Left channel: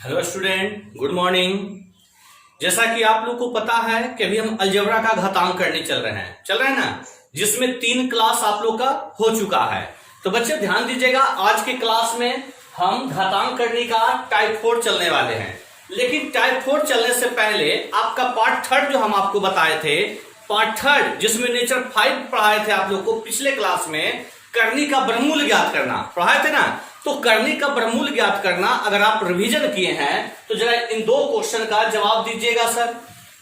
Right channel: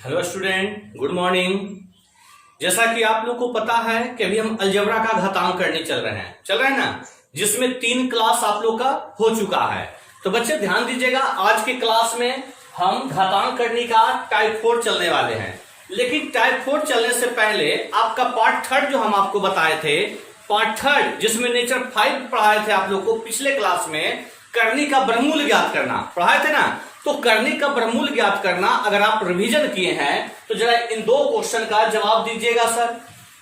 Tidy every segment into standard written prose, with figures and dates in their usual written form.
Hello student, good morning. जैसा कि आप लोग को पता है कि अभी हम अलजेब्रा का घातांक करने चल रहे हैं ना, जिसमें 3 क्लास आप लोग का हो चुका है। तो बच्चे ध्यान दीजिएगा, आज के क्लास में हम घातांक करने का टाइप 4 चलने वाले हैं। लेकिन टाइप 4 चलने से पहले आपका पार्ट 3 जो हम आपको बताए थे, पार्ट 3 जिसमें नेचर 5 पढ़ाए थे आप लोग को पिछले क्लास में, करनी का वर्गमूल ज्ञात करना पढ़ाए थे ना। तो करनी का वर्गमूल ज्ञात करना अगर आप रिवीजन किए हैं तो जरा इन 2 क्वेश्चन का जवाब दीजिएगा सर।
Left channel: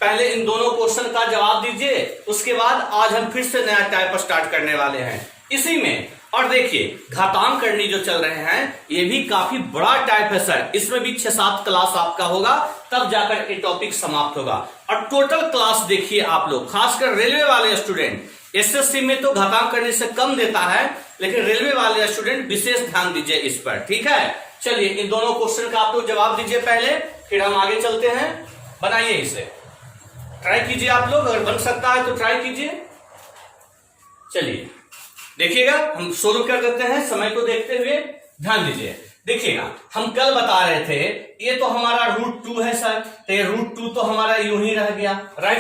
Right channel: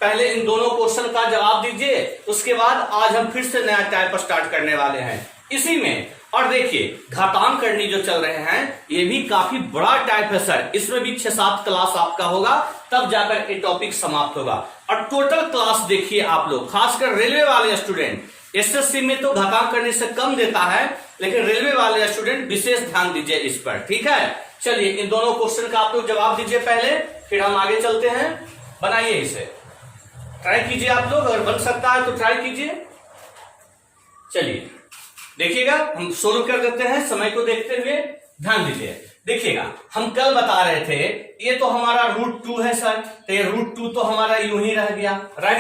पहले इन दोनों क्वेश्चन का जवाब दीजिए, उसके बाद आज हम फिर से नया टाइप स्टार्ट करने वाले हैं इसी में। और देखिए, घातांक करनी जो चल रहे हैं ये भी काफी बड़ा टाइप है सर। इसमें भी 6-7 क्लास आपका होगा, तब जाकर ये टॉपिक समाप्त होगा। और टोटल क्लास देखिए आप लोग, खासकर रेलवे वाले स्टूडेंट, एसएससी में तो घातांक करने से कम देता है, लेकिन रेलवे वाले स्टूडेंट विशेष ध्यान दीजिए इस पर, ठीक है। चलिए इन दोनों क्वेश्चन का आप लोग जवाब दीजिए पहले, फिर हम आगे चलते हैं। बनाइए इसे, ट्राई कीजिए आप लोग, अगर बन सकता है तो ट्राई कीजिए। चलिए देखिएगा, हम शुरू कर देते हैं समय को देखते हुए। ध्यान दीजिए, देखिएगा हम कल बता रहे थे ये तो हमारा √2 है सर, तो ये √2 तो हमारा यूं ही रह गया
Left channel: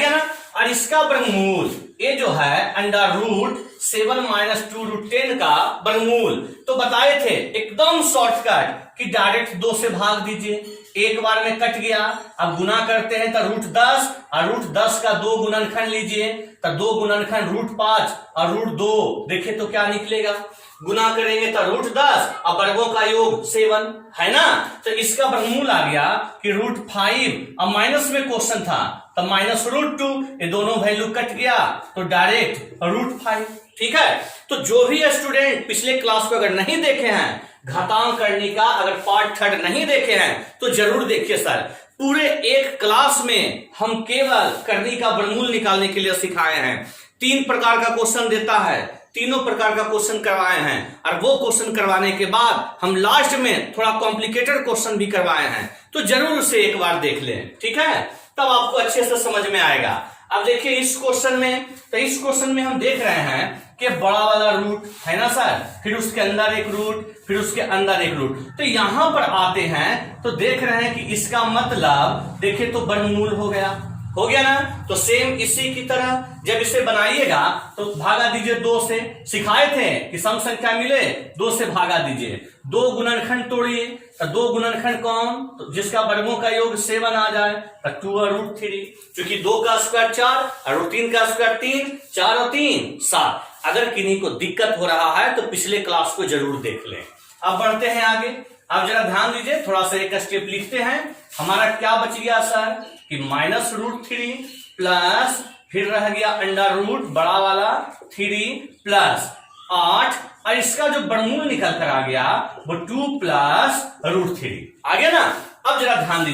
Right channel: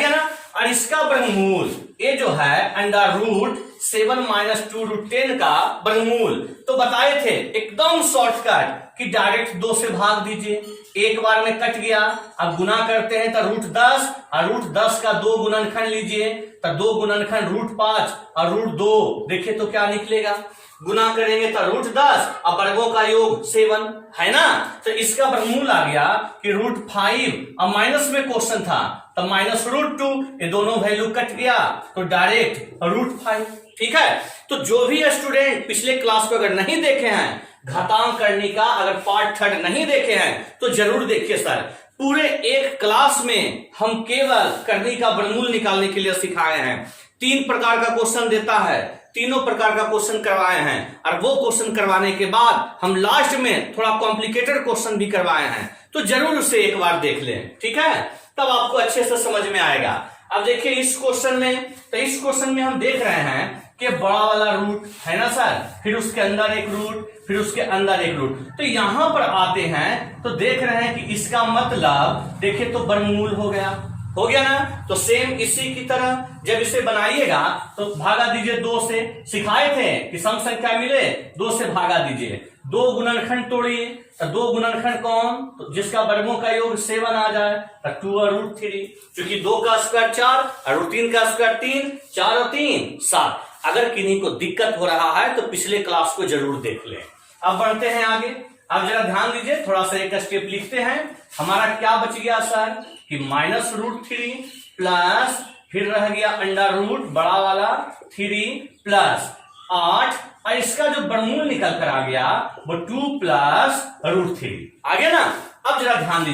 ना। और इसका वर्गमूल ये जो है √7 - 2√10 का वर्गमूल तो बताए थे एकदम शॉर्टकट कि डायरेक्ट 2 से भाग दीजिए, एक बार में कट गया। अब गुना करते हैं तो √10 और √10 का 2 गुणनखंड लीजिए, तो 2 गुणनखंड √5 और √2, देखिए तो क्या निकलेगा। गुना करेंगे तो √10 और वर्गों का योग 7 है ना। तो इसका वर्गमूल आ गया कि √5 और माइनस में क्वेश्चन था तो -√2, ये दोनों वैल्यू कट गया तो डायरेक्ट √5, ठीक है। तो जो भी स्टूडेंट पिछले क्लास को अगर नहीं देखे हैं, घातांक करने का अगर पार्ट 3 नहीं देखे हैं तो जरूर देखिए सर। पूरे एक क्लास में हम केवल करनी का वर्गमूल निकालने के लिए सिखाए हैं। 3 प्रकार का क्वेश्चन देता है, तीनों प्रकार का क्वेश्चन करवाए हैं, और वो क्वेश्चन करवाने के बाद हम लास्ट में थोड़ा कॉम्प्लिकेटेड क्वेश्चन भी करवाए हैं। तो जरूर उसे एक बार देख लें, ठीक है, तब आपको अच्छे से समझ में आएगा। अब देखिए इस क्वेश्चन में, तो इस क्वेश्चन में हम देख रहे हैं कि बड़ा वाला रूट है ना सर, फिर उसके अंदर एक रूट, फिर उसके अंदर एक रूट। तो यहां पर आते हैं तो देख रहे हैं कि इसका मतलब देखिए तो वर्गमूल हो गया ना। तो सेम इसी की तरह जब इसे बनाइएगा तो भागा दीजिए 2 से। सिखाए थे कि सम संख्या मिले 2 से भागा दीजिए। 2 गुणनखंड तोड़िए, तो 2 गुणनखंड कौन, तो जिसका वर्गों का योग 7 आ जाए तो 2 और √3, क्योंकि 2 का स्क्वायर 4 और √3 का स्क्वायर 3, 4 और 3 7। अगर किन्हीं को दिक्कत हो रहा है तो पिछले क्लास को जरूर देख लें। अब बढ़ते हैं आगे। अब जरा ध्यान दीजिए, थोड़ा सा एक स्टेप लिखते हैं। हमारा क्या बच गया सर कि -√3 प्लस फिर रह गया अंडर रूट बड़ा वाला 3 प्लस 8, और इसका जो वर्गमूल निकल कर आ गया वो 2 प्लस √3 आ गया ना। अब जरा ध्यान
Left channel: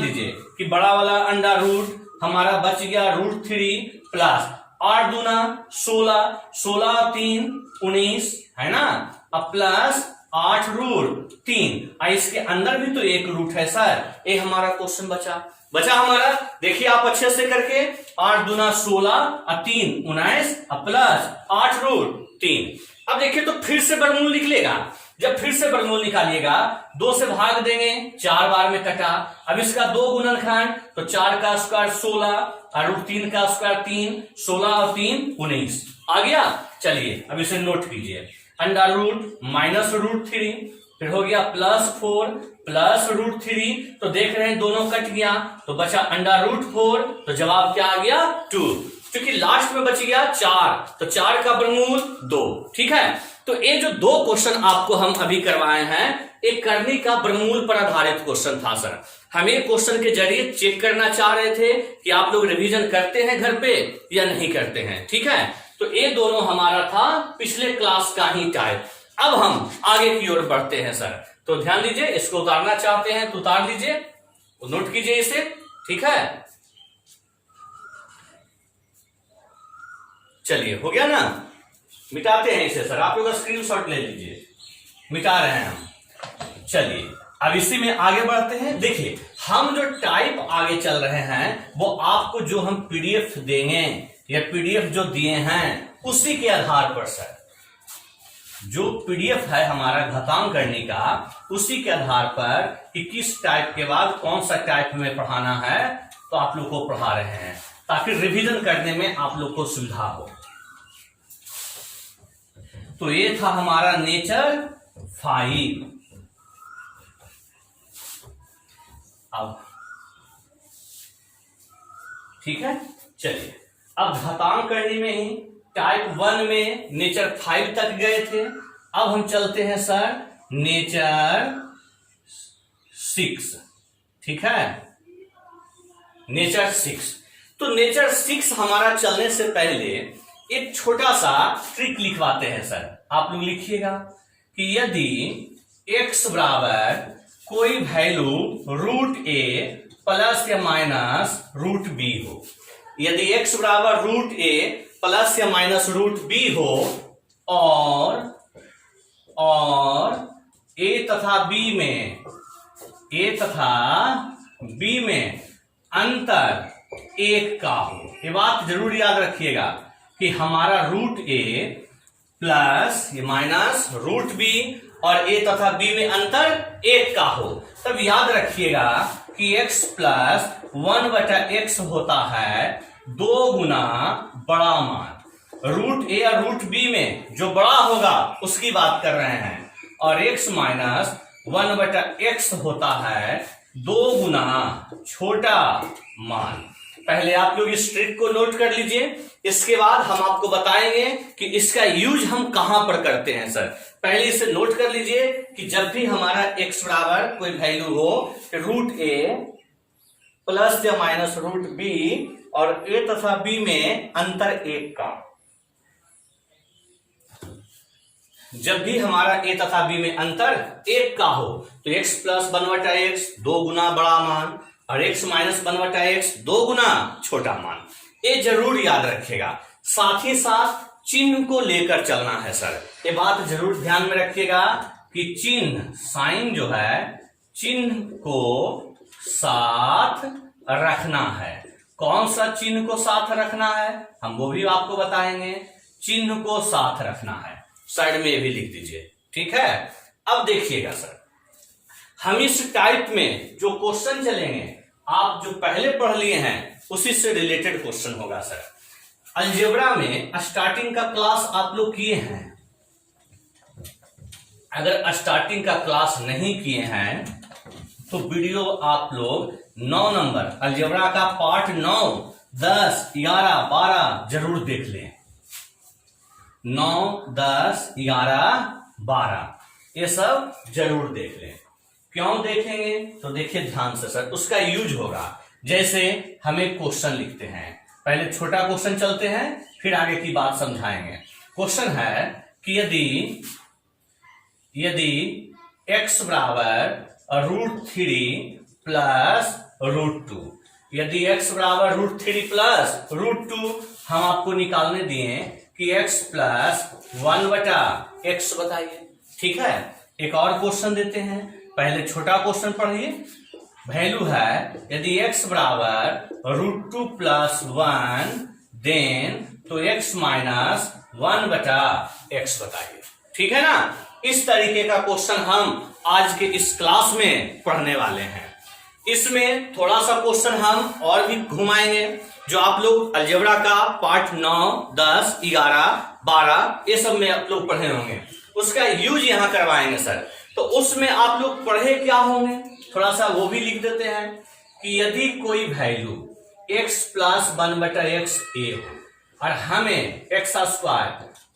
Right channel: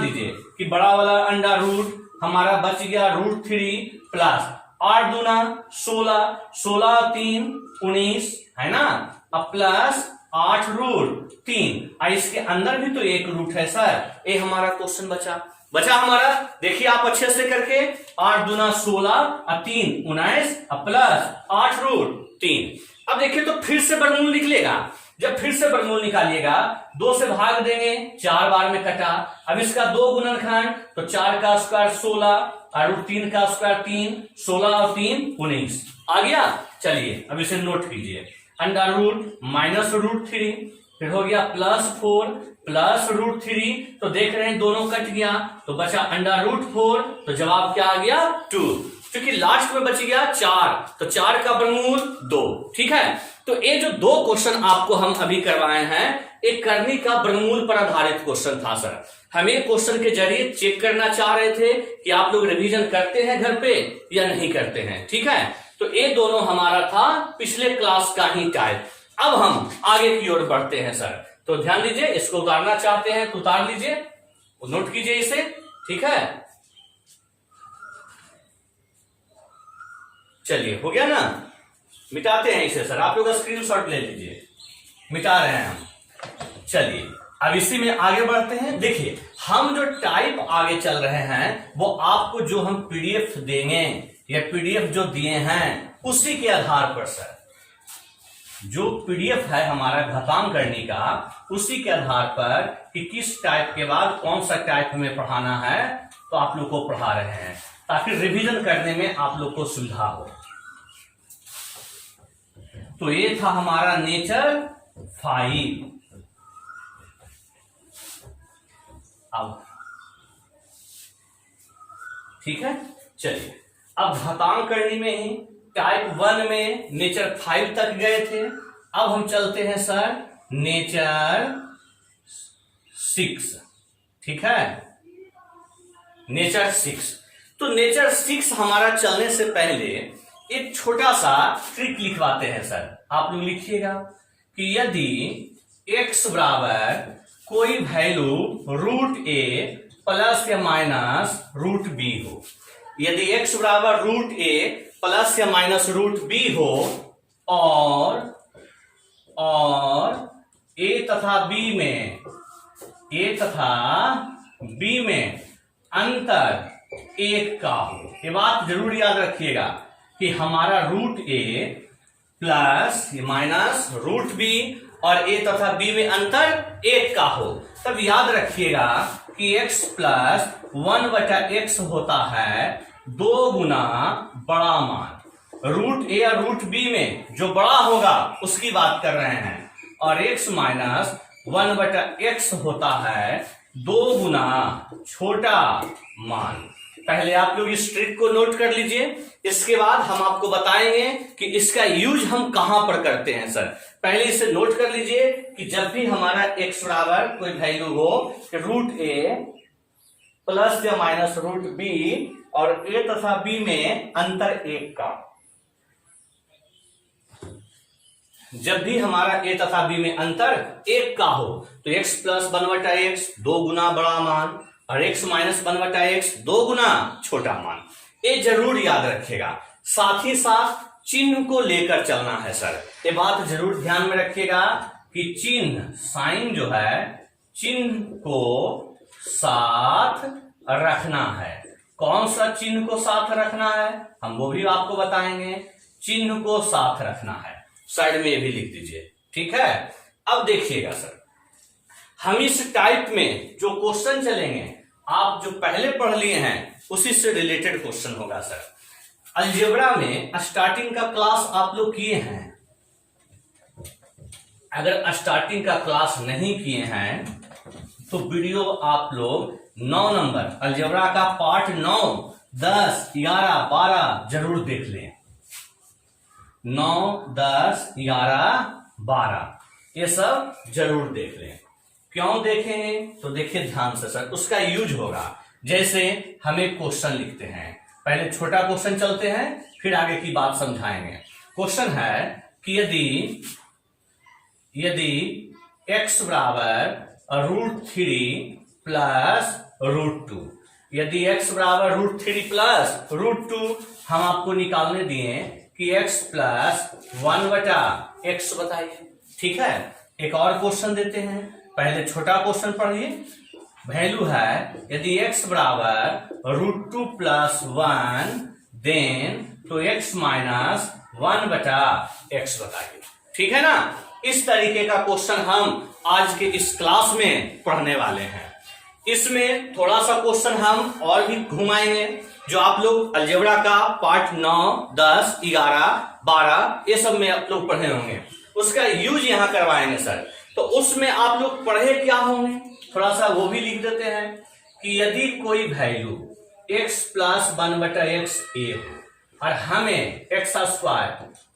दीजिए कि बड़ा वाला अंडर रूट हमारा बच गया √3 प्लस 8 दूना 16, 16 और 3 19 है ना, अब प्लस 8 √3, और इसके अंदर भी तो एक रूट है सर। ये हमारा क्वेश्चन बचा हमारा। देखिए आप अच्छे से करके, 8 दूना 16 और 3 19 और प्लस 8 √3। अब देखिए तो फिर से वर्गमूल निकलेगा। जब फिर से वर्गमूल निकालिएगा 2 से भाग देंगे, 4 बार में कटा। अब इसका 2 गुणनखंड, तो 4 का स्क्वायर 16 और √3 का स्क्वायर 3, 16 और 3 19 आ गया। चलिए अब इसे नोट कीजिए, अंडर रूट -√3, फिर हो गया +4 प्लस √3, तो देख रहे हैं दोनों कट गया तो बचा अंडर रूट 4, तो जवाब क्या आ गया 2, क्योंकि लास्ट में बच गया 4, तो 4 का वर्गमूल 2, ठीक है। तो ये जो 2 क्वेश्चन आपको हम अभी करवाए हैं, एक करनी का वर्गमूल पर आधारित क्वेश्चन था सर। हम एक क्वेश्चन के जरिए चेक करना चाह रहे थे कि आप लोग रिवीजन करते हैं घर पे या नहीं करते हैं, ठीक है। तो ये दोनों हमारा था पिछले क्लास का ही टाइप। अब हम आगे की ओर बढ़ते हैं सर। तो ध्यान दीजिए, इसको उतारना चाहते हैं तो उतार दीजिए, नोट कीजिए इसे, ठीक है। चलिए हो गया ना, मिटाते हैं इसे सर। आप लोग स्क्रीनशॉट ले लीजिए, मिटा रहे हैं हम। चलिए अब इसी में आगे बढ़ते हैं। देखिए हम जो टाइप आगे चल रहे हैं वो आपको जो हम पीडीएफ देंगे या पीडीएफ जो दिए हैं उसी के आधार पर सर जो पीडीएफ है हमारा घातांक करने का, उसी के आधार पर कि किस टाइप के बाद कौन सा टाइप में पढ़ाना है, तो आप लोग को पढ़ा रहे हैं ताकि रिवीजन करने में आप लोग को सुविधा हो। तो ये था हमारा नेचर 5। अब ठीक है, चलिए अब घातांक करने में ही टाइप 1 में नेचर 5 तक गए थे। अब हम चलते हैं सर नेचर 6। ठीक है, नेचर 6। तो नेचर 6 हमारा चलने से पहले एक छोटा सा ट्रिक लिखवाते हैं सर। आप लोग लिखिएगा कि यदि x बराबर कोई वैल्यू √a प्लस या माइनस √b हो, यदि x बराबर √a प्लस या माइनस √b हो और a तथा b में अंतर 1 का हो। ये बात जरूर याद रखिएगा कि हमारा √a प्लस या माइनस √b और a तथा b में अंतर 1 का हो। तब याद रखिएगा कि x प्लस 1/x होता है 2 गुना बड़ा मान। √a और √b में जो बड़ा होगा उसकी बात कर रहे हैं, और x माइनस 1/x होता है 2 गुना छोटा मान। पहले आप लोग इस ट्रिक को नोट कर लीजिए, इसके बाद हम आपको बताएंगे कि इसका यूज हम कहां पर करते हैं सर। पहले इसे नोट कर लीजिए कि जब भी हमारा x बराबर कोई वैल्यू हो √a प्लस या माइनस √b और a तथा b में अंतर 1 का, जब भी हमारा a तथा b में अंतर 1 का हो तो x प्लस 1/x 2 गुना बड़ा मान और x माइनस 1/x 2 गुना छोटा मान। ये जरूर याद रखिएगा। साथ ही साथ चिन्ह को लेकर चलना है सर। ये बात जरूर ध्यान में रखिएगा कि चिन्ह, साइन जो है, चिन्ह को साथ रखना है। कौन सा चिन्ह को साथ रखना है हम वो भी आपको बताएंगे। चिन्ह को साथ रखना है, साइड में ये भी लिख दीजिए। ठीक है, अब देखिएगा सर, हम इस टाइप में जो क्वेश्चन चलेंगे आप जो पहले पढ़ लिए हैं उसी से रिलेटेड क्वेश्चन होगा सर। अलजेब्रा में स्टार्टिंग का क्लास आप लोग किए हैं। अगर स्टार्टिंग का क्लास नहीं किए हैं तो वीडियो आप लोग 9 नंबर अलजेब्रा का पार्ट 9, 10, 11, 12 जरूर देख लें। 9, 10, 11, 12 ये सब जरूर देख लें। क्यों देखेंगे तो देखिए ध्यान से सर, उसका यूज होगा। जैसे हम एक क्वेश्चन लिखते हैं, पहले छोटा क्वेश्चन चलते हैं फिर आगे की बात समझाएंगे। क्वेश्चन है कि यदि x बराबर √3 प्लस √2, यदि x बराबर √3 प्लस √2 हम आपको निकालने दिए कि x प्लस 1/x बताइए। ठीक है, एक और क्वेश्चन देते हैं, पहले छोटा क्वेश्चन पढ़िए। वैल्यू है यदि x बराबर √2 प्लस 1 देन तो x माइनस 1/x बताइए। ठीक है ना, इस तरीके का क्वेश्चन हम आज के इस क्लास में पढ़ने वाले हैं। इसमें थोड़ा सा क्वेश्चन हम और भी घुमाएंगे जो आप लोग अलजेब्रा का पार्ट 9, 10, 11, 12 ये सब में आप लोग पढ़े होंगे, उसका यूज यहां करवाएंगे सर। तो उसमें आप लोग पढ़े क्या होंगे थोड़ा सा वो भी लिख देते हैं कि यदि कोई value x plus 1/x a हो और हमें x²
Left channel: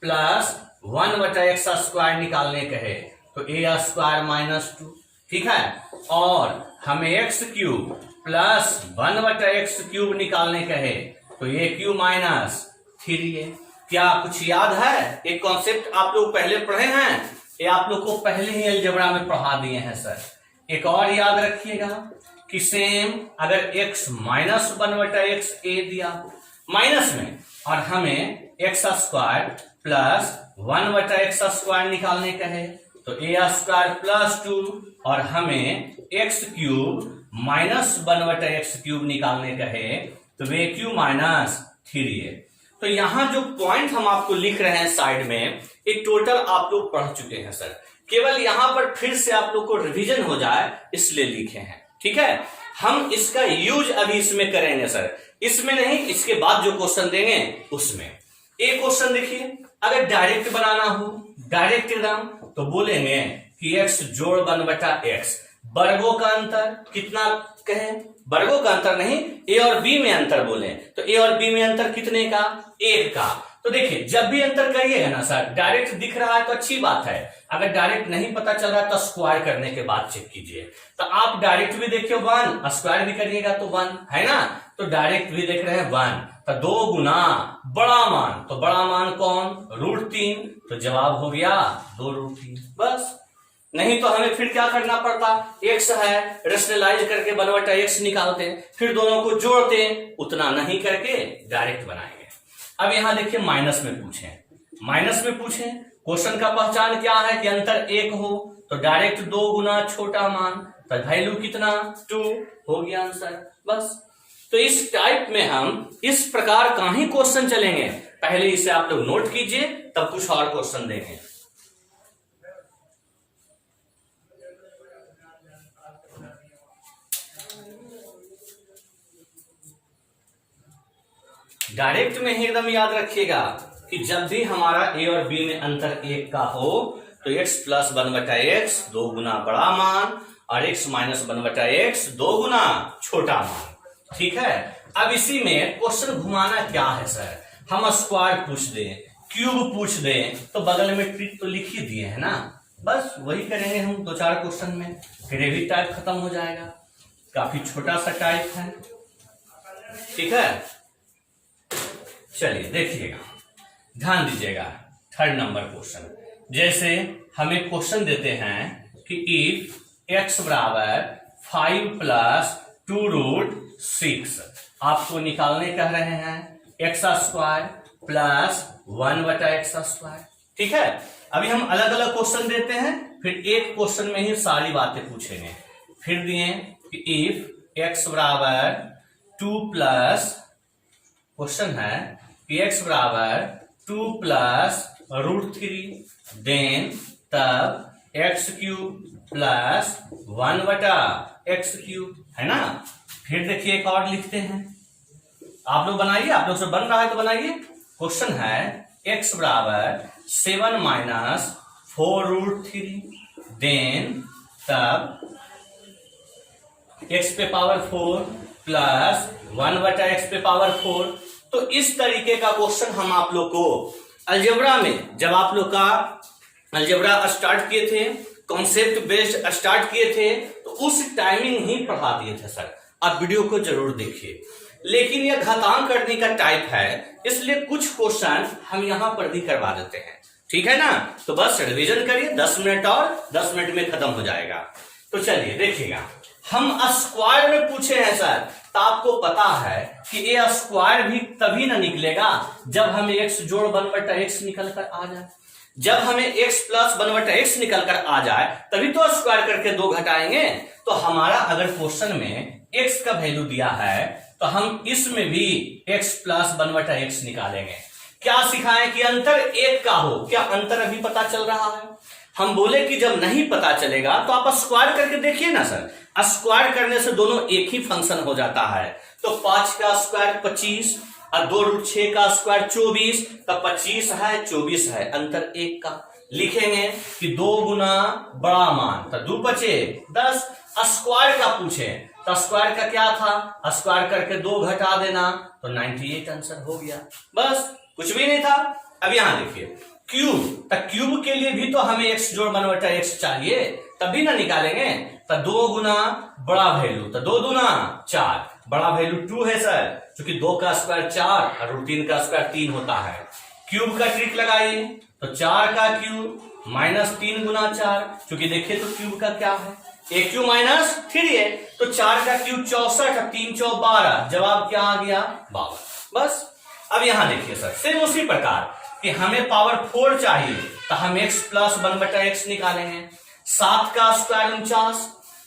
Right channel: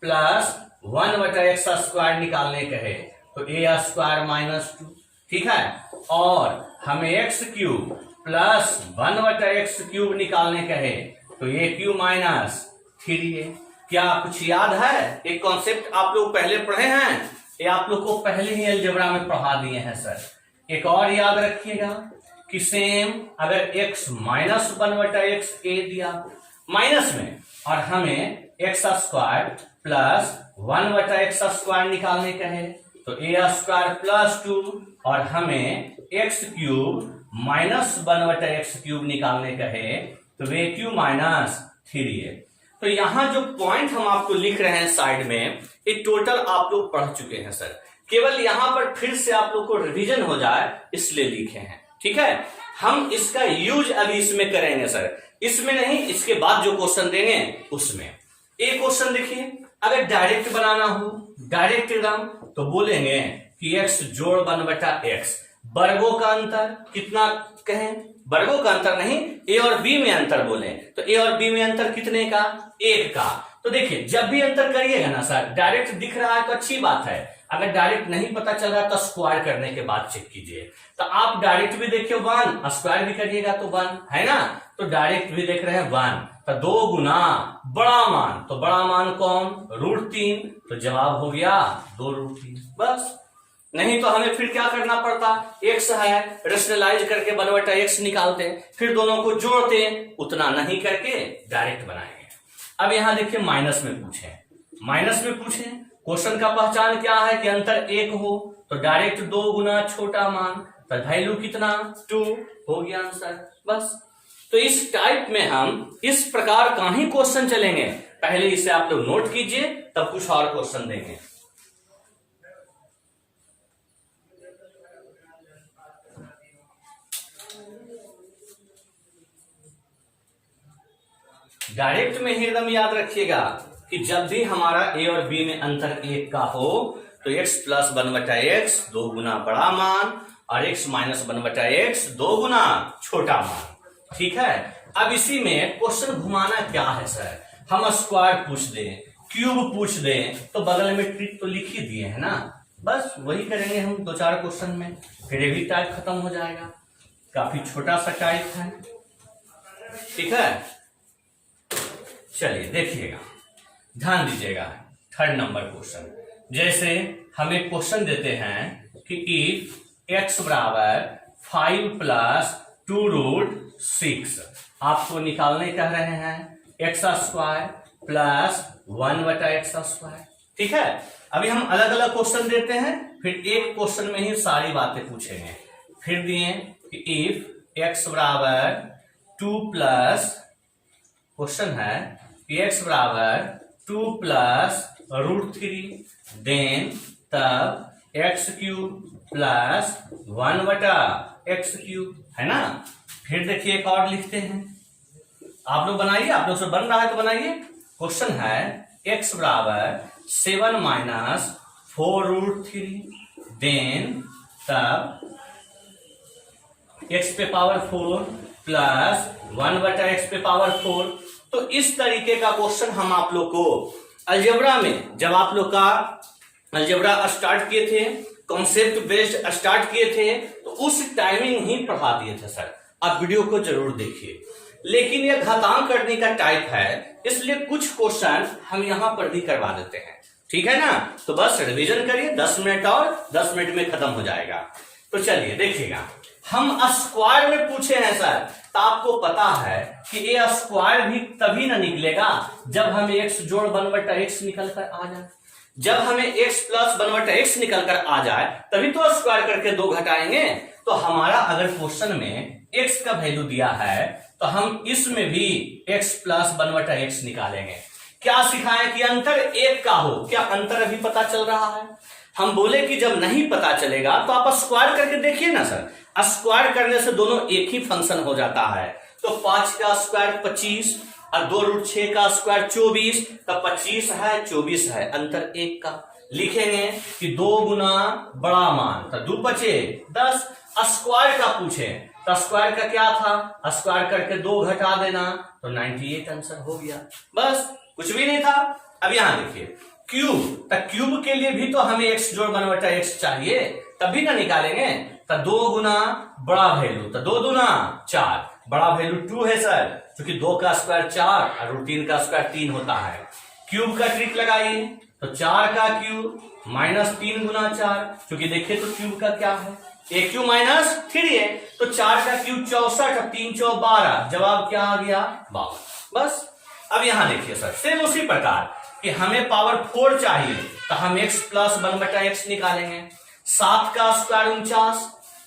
प्लस 1/x² निकालने कहे तो a² माइनस 2। ठीक है, और हमें x³ प्लस 1/x³ निकालने कहे तो a³ माइनस 3a। क्या कुछ याद है? एक कॉन्सेप्ट आप लोग पहले पढ़े हैं, ये आप लोग को पहले ही अलजेब्रा में पढ़ा दिए हैं सर। एक और याद रखिएगा कि सेम अगर x माइनस 1/x a दिया माइनस में और हमें x² प्लस 1/x² निकालने कहे तो a² प्लस 2 और हमें x³ माइनस 1/x³ निकालने कहे तो a³ माइनस 3a। तो यहां जो पॉइंट हम आपको लिख रहे हैं साइड में, ये टोटल आप लोग पढ़ चुके हैं सर, केवल यहां पर फिर से आप लोग को रिवीजन हो जाए इसलिए लिखे हैं। ठीक है, हम इसका यूज अभी इसमें करेंगे सर, इसमें नहीं, इसके बाद जो क्वेश्चन देंगे उसमें। एक क्वेश्चन देखिए, अगर डायरेक्ट बनाना हो, डायरेक्ट एकदम, तो बोलेंगे कि x जोड़ 1/x, वर्गों का अंतर कितना कहें, वर्गों का अंतर नहीं, a और b में अंतर बोले, तो a और b में अंतर कितने का, 1 का। तो देखिए जब भी अंतर करिएगा ना सर, डायरेक्ट दिख रहा है तो अच्छी बात है, अगर डायरेक्ट नहीं पता चल रहा है तो स्क्वायर करने के बाद चेक कीजिए। तो आप डायरेक्ट भी देखिए 1, स्क्वायर भी करिएगा तो 1 है ना, तो डायरेक्ट भी देख रहे हैं 1, तो 2 गुना बड़ा मान, तो बड़ा मान कौन, √3, तो जवाब हो गया 2√3 बस। नहीं तो हमें फिर क्या करना पड़ता, x है, रेशनलाइज करके 1/x निकालते हैं, फिर दोनों को जोड़ते हैं, उतना नहीं करके डायरेक्ट बनाएंगे। अब यहां देखिए माइनस में पूछे, माइनस में पूछे, क्वेश्चन का पहचान क्या है कि अंतर 1 हो, तो डायरेक्ट 2 गुना छोटा मान, तो वैल्यू कितना 2 हो गया आंसर बस। तो इस टाइप में हम इस प्रकार का ही क्वेश्चन चलेंगे, पहले इसे आप लोग नोट कीजिए तब कुछ और क्वेश्चन देंगे। डायरेक्ट में ही एकदम याद रखिएगा कि जब भी हमारा a और b में अंतर 1 का हो तो x + 1/x 2 गुना बड़ा मान और x - 1/x 2 गुना छोटा मान। ठीक है, अब इसी में क्वेश्चन घुमाना क्या है सर, हम स्क्वायर पूछ दें, क्यूब पूछ दें, तो बगल में ट्रिक तो लिख ही दिए है ना, बस वही करेंगे हम 2-4 क्वेश्चन में, फिर ये भी टाइप खत्म हो जाएगा। काफी छोटा सा टाइप है। ठीक है, चलिए देखिएगा, ध्यान दीजिएगा। 3rd नंबर क्वेश्चन, जैसे हमें क्वेश्चन देते हैं कि इफ x बराबर 5 + 2√6, आपको निकालने कह रहे हैं x² + 1/x²। ठीक है, अभी हम अलग अलग क्वेश्चन देते हैं, फिर एक क्वेश्चन में ही सारी बातें पूछेंगे। फिर दिए कि इफ x बराबर 2 + क्वेश्चन है कि x बराबर 2 + √3, देन तब x³ + 1/x³ है ना। फिर देखिए एक और लिखते हैं, आप लोग बनाइए, आप लोग से बन रहा है तो बनाइए। क्वेश्चन है x बराबर 7 - 4√3, देन तब x पे पावर 4 + 1/x⁴। तो इस तरीके का क्वेश्चन हम आप लोग को अलजेब्रा में, जब आप लोग का अलजेब्रा स्टार्ट किए थे, कॉन्सेप्ट बेस्ड स्टार्ट किए थे, तो उस टाइमिंग ही पढ़ा दिए थे सर। आप वीडियो को जरूर देखिए, लेकिन यह घातांक करने का टाइप है, इसलिए कुछ क्वेश्चन हम यहां पर भी करवा देते हैं। ठीक है ना, तो बस रिवीजन करिए, 10 मिनट और 10 मिनट में खत्म हो जाएगा। तो चलिए देखिएगा, हम स्क्वायर में पूछे हैं सर, तो आपको पता है कि ये स्क्वायर भी तभी ना निकलेगा जब हमें x जोड़ 1/x निकल कर आ जाए। जब हमें x + 1/x निकल कर आ जाए तभी तो स्क्वायर करके 2 घटाएंगे। तो हमारा अगर क्वेश्चन में x का वैल्यू दिया है तो हम इसमें भी x + 1/x निकालेंगे। क्या सिखाएं कि अंतर 1 का हो, क्या अंतर अभी पता चल रहा है। हम बोले कि जब नहीं पता चलेगा तो आप स्क्वायर करके देखिए ना सर, स्क्वायर करने से दोनों एक ही फंक्शन हो जाता है। तो 5 का स्क्वायर 25 और 2√6 का स्क्वायर 24, तो 25 है 24 है, अंतर 1 का। लिखेंगे कि 2 गुना बड़ा मान, तो 2 बचे 10। स्क्वायर का पूछे तो स्क्वायर का क्या था, स्क्वायर करके 2 घटा देना, तो 98 आंसर हो गया बस, कुछ भी नहीं था। अब यहां देखिए क्यूब, तो क्यूब के लिए भी तो हमें x जोड़ 1/x चाहिए, तभी ना निकालेंगे। तो 2 गुना बड़ा वैल्यू, तो 2 दूना 4, बड़ा वैल्यू 2 है सर, क्योंकि 2 का स्क्वायर 4 और √3 का स्क्वायर 3 होता है। क्यूब का ट्रिक लगाइए, तो 4 का क्यूब -3 गुना 4, क्योंकि देखिए तो क्यूब का क्या है, AQ - 3 है, तो 4 का क्यूब 64 और 3 × 4 12, जवाब क्या आ गया 52 बस। अब यहां देखिए सर, सेम उसी प्रकार कि हमें पावर 4 चाहिए, तो हम x + 1/x निकालेंगे। 7 का स्क्वायर 49,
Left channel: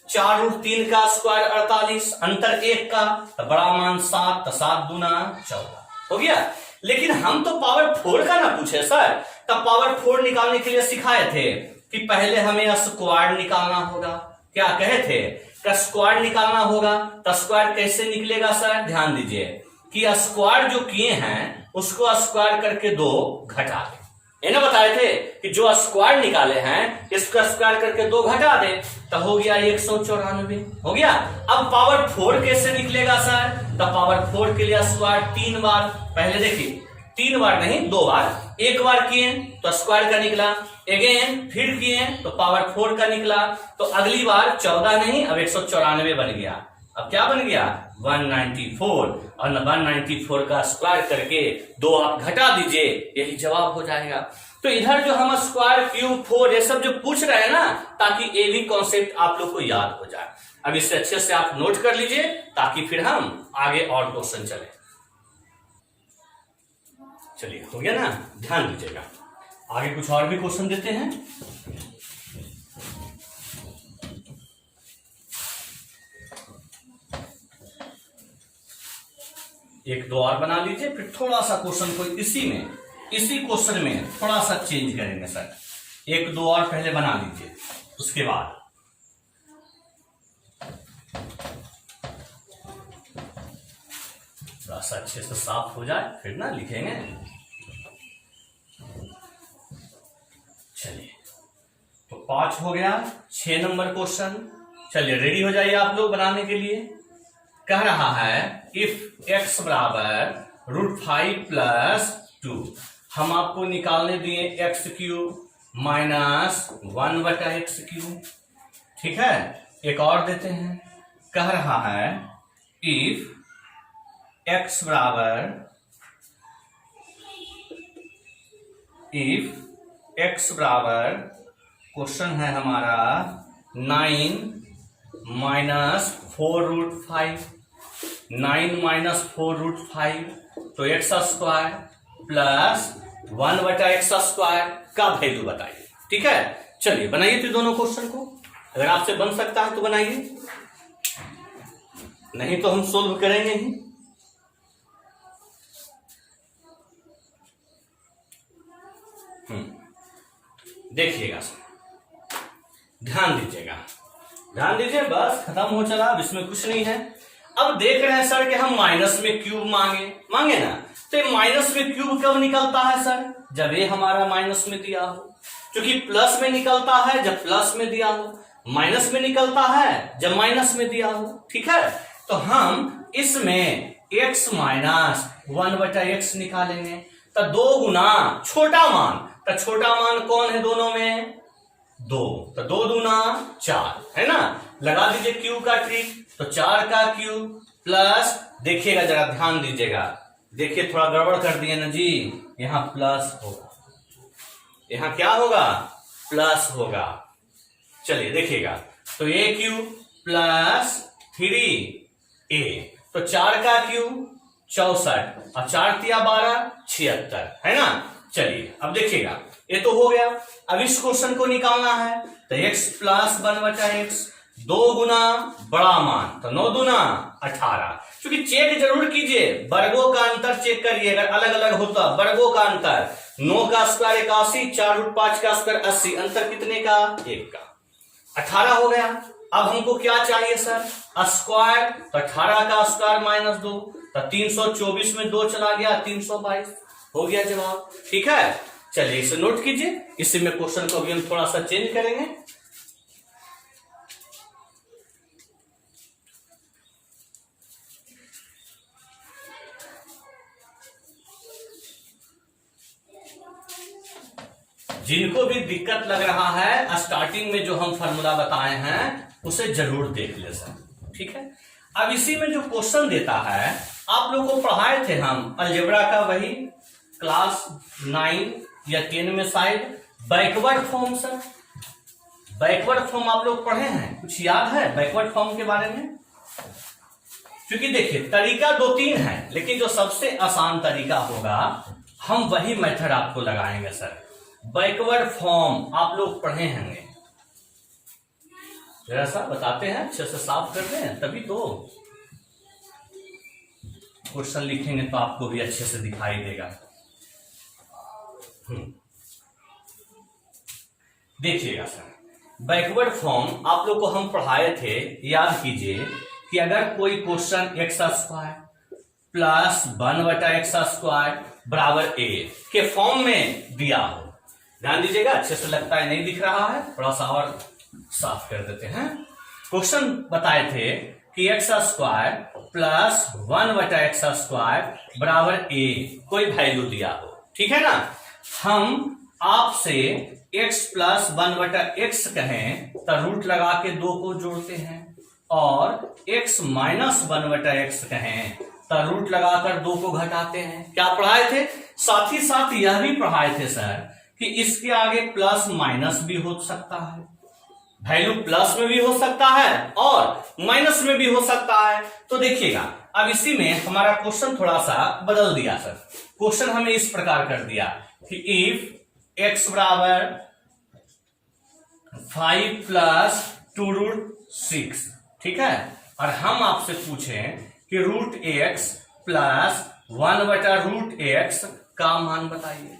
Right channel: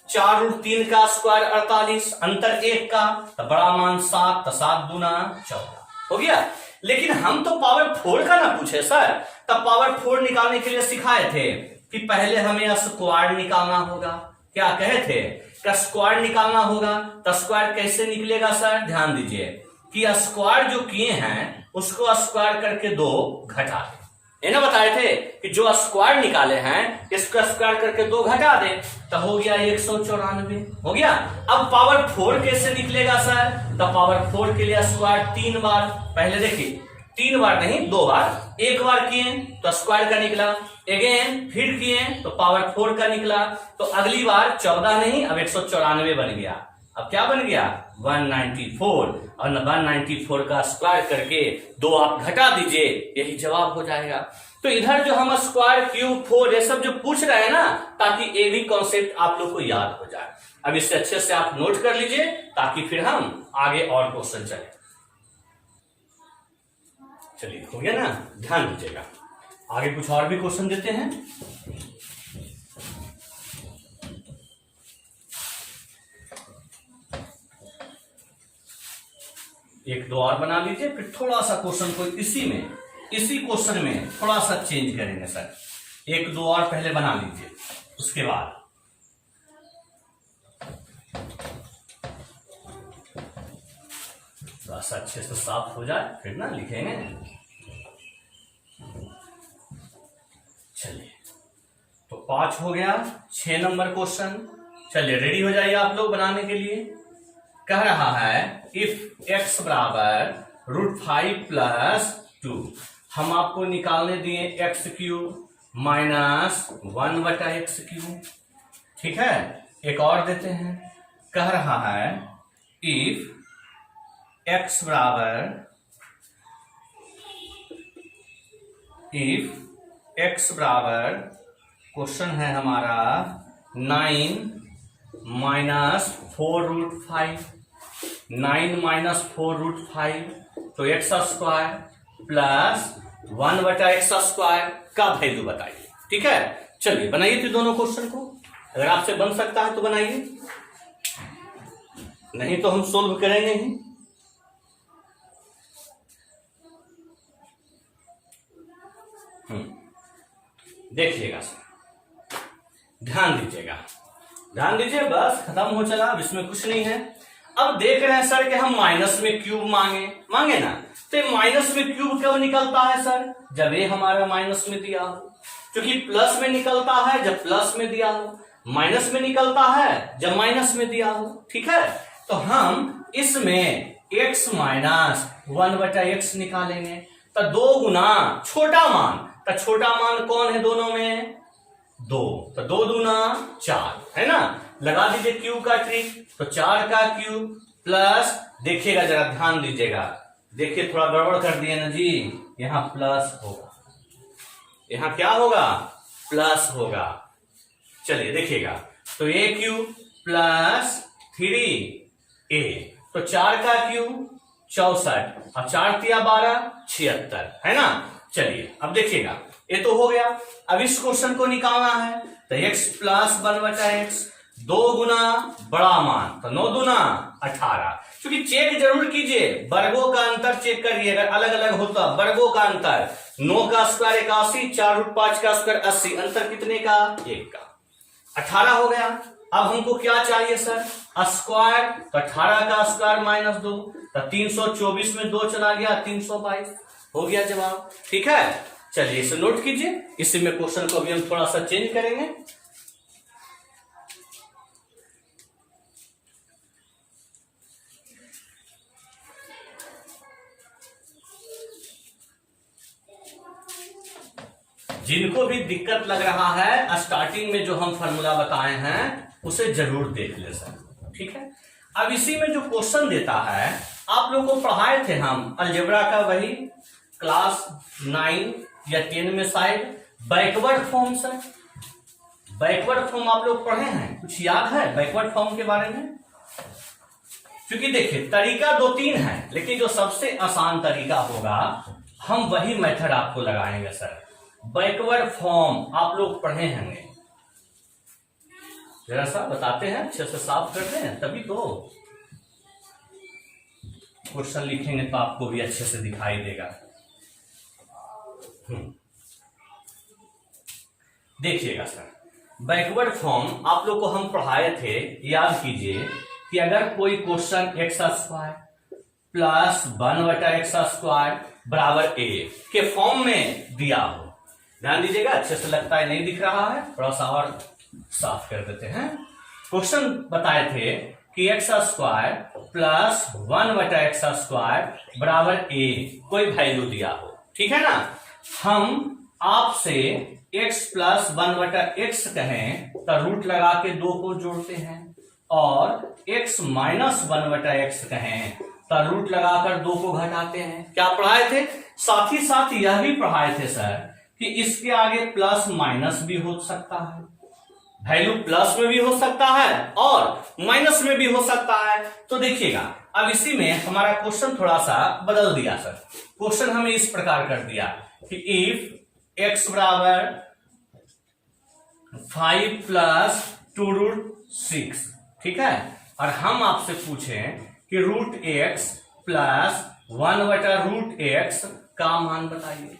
4√3 का स्क्वायर 48, अंतर 1 का, तो बड़ा मान 7, तो 7 दूना 14 हो गया। लेकिन हम तो पावर 4 का ना पूछे सर। तब पावर 4 निकालने के लिए सिखाए थे कि पहले हमें स्क्वायर निकालना होगा। क्या कहे थे कि स्क्वायर निकालना होगा। तो स्क्वायर कैसे निकलेगा सर, ध्यान दीजिए कि स्क्वायर जो किए हैं उसको स्क्वायर करके 2 घटा दे। ये ना बताए थे कि जो स्क्वायर निकाले हैं इसको स्क्वायर करके 2 घटा दे तो हो गया 194 हो गया। अब पावर 4 कैसे निकलेगा सर, तो पावर 4 के लिए स्क्वायर 3 बार, पहले देखिए 3 बार नहीं 2 बार, एक बार किए तो स्क्वायर का निकला, अगेन फिर किए तो पावर 4 का निकला, तो अगली बार 14 नहीं अब 194 बन गया। अब क्या बन गया 194, और 194 का स्क्वायर करके 2 आप घटा दीजिए, यही जवाब हो जाएगा। तो इधर जो हम स्क्वायर क्यूब 4 ये सब जो पूछ रहे हैं ना, ताकि ये भी कॉन्सेप्ट आप लोग को याद हो जाए। अब इससे अच्छे से आप नोट कर लीजिए ताकि फिर हम आगे और क्वेश्चन चले। चलिए हो गया ना, ध्यान दीजिएगा। आगे कुछ और भी क्वेश्चन देते हैं। एक दो और बना लीजिए, फिर थोड़ा सा क्वेश्चन को इसी क्वेश्चन में थोड़ा सा चेंज करेंगे सर। एक दो और पहले बना लीजिए, उसके बाद थोड़ा सा अच्छे से साफ हो जाए फिर ना लिखेंगे। चलिए तो 5 हो गया, 6 नंबर क्वेश्चन। चलिए रेडी हो जाइए आप लोग बनाने के लिए। कह रहा है इफ x बराबर √5 + 2, हम आपको निकालने दिए x³ माइनस 1/x³। ठीक है, एक और देते हैं। कह रहा है इफ x बराबर क्वेश्चन है हमारा 9 - 4√5, 9 - 4√5 तो x² प्लस 1/x² का वैल्यू बताइए। ठीक है, चलिए बनाइए तो दोनों क्वेश्चन को, अगर आपसे बन सकता है तो बनाइए, नहीं तो हम सोल्व करेंगे ही। देखिएगा सर, ध्यान दीजिए, बस खत्म हो चला, अब इसमें कुछ नहीं है। अब देख रहे हैं सर कि हम माइनस में क्यूब मांगे ना, तो माइनस में क्यूब कब निकलता है सर, जब ये हमारा माइनस में दिया हो। क्योंकि प्लस में निकलता है जब प्लस में दिया हो, माइनस में निकलता है जब माइनस में दिया हो। ठीक है, तो हम इसमें x माइनस 1/x निकालेंगे, तो 2 गुना छोटा मान, तो छोटा मान कौन है दोनों में 2, तो 2 दूना 4 है ना। लगा दीजिए क्यूब का ट्रिक, तो 4 का क्यूब प्लस, देखिएगा जरा ध्यान दीजिएगा, देखिए थोड़ा गड़बड़ कर दिए ना जी, यहां प्लस होगा, यहां क्या होगा प्लस होगा। चलिए देखिएगा, तो a³ प्लस 3a, तो 4 का क्यूब 64 और 4 × 12 76 है ना। चलिए अब देखिएगा, ये तो हो गया। अब इस क्वेश्चन को निकालना है, तो x प्लस 1/x, 2 गुना बड़ा मान, तो 9 दूना 18। क्योंकि चेक जरूर कीजिए, वर्गों का अंतर चेक करिए, अगर अलग अलग होता वर्गों का अंतर, 9 का स्क्वायर 81, 4√5 का स्क्वायर 80, अंतर कितने का 1 का, 18 हो गया। अब हमको क्या चाहिए सर स्क्वायर, तो 18 का स्क्वायर माइनस 2, तो 324 में 2 चला गया 322, हो गया जवाब। ठीक है, चलिए इसे नोट कीजिए, इसी में क्वेश्चन को भी हम थोड़ा सा चेंज करेंगे। जिनको भी दिक्कत लग रहा है, स्टार्टिंग में जो हम फॉर्मूला बताए हैं उसे जरूर देख ले सर। ठीक है, अब इसी में जो क्वेश्चन देता है, आप लोगों को पढ़ाए थे हम अलजेब्रा का, वही क्लास 9 या 10 में शायद, backward form sir. Backward form आप लोग पढ़े हैं, कुछ याद है बैकवर्ड फॉर्म के बारे में? क्योंकि देखिए तरीका 2-3 है, लेकिन जो सबसे आसान तरीका होगा हम वही मेथड आपको लगाएंगे सर। बैकवर्ड फॉर्म आप लोग पढ़े होंगे, जरा सा बताते हैं, अच्छे से साफ करते हैं तभी तो। क्वेश्चन लिखेंगे तो आपको भी अच्छे से दिखाई देगा। देखिएगा सर, बैकवर्ड फॉर्म आप लोग को हम पढ़ाए थे, याद कीजिए कि अगर कोई question x square plus 1/x² बराबर a के फॉर्म में दिया हो, ध्यान दीजिएगा, अच्छे से लगता है नहीं दिख रहा है, थोड़ा सा और साफ कर देते हैं। क्वेश्चन बताए थे कि x² प्लस 1/x² बराबर a कोई वैल्यू दिया हो, ठीक है ना। हम आपसे x प्लस 1/x कहें तो रूट लगा के 2 को जोड़ते हैं, और x माइनस 1/x कहें तो रूट लगाकर 2 को घटाते हैं। क्या पढ़ाए थे? साथ ही साथ यह भी पढ़ाए थे सर कि इसके आगे प्लस माइनस भी हो सकता है, वैल्यू प्लस में भी हो सकता है और माइनस में भी हो सकता है। तो देखिएगा, अब इसी में हमारा क्वेश्चन थोड़ा सा बदल दिया सर। क्वेश्चन हमें इस प्रकार कर दिया कि इफ x बराबर 5 प्लस 2√6, ठीक है, और हम आपसे पूछें कि √x प्लस 1/√x का मान बताइए,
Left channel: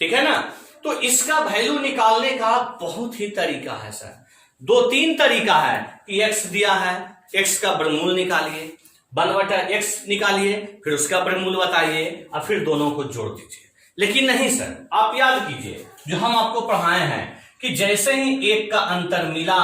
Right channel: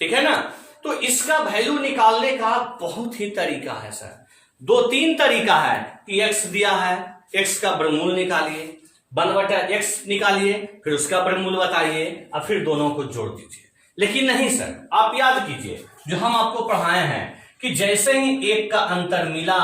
ठीक है ना। तो इसका वैल्यू निकालने का बहुत ही तरीका है सर, 2-3 तरीका है कि x दिया है, x का वर्गमूल निकालिए, 1/x निकालिए, फिर उसका वर्गमूल बताइए और फिर दोनों को जोड़ दीजिए। लेकिन नहीं सर, आप याद कीजिए जो हम आपको पढ़ाए हैं कि जैसे ही एक का अंतर मिला,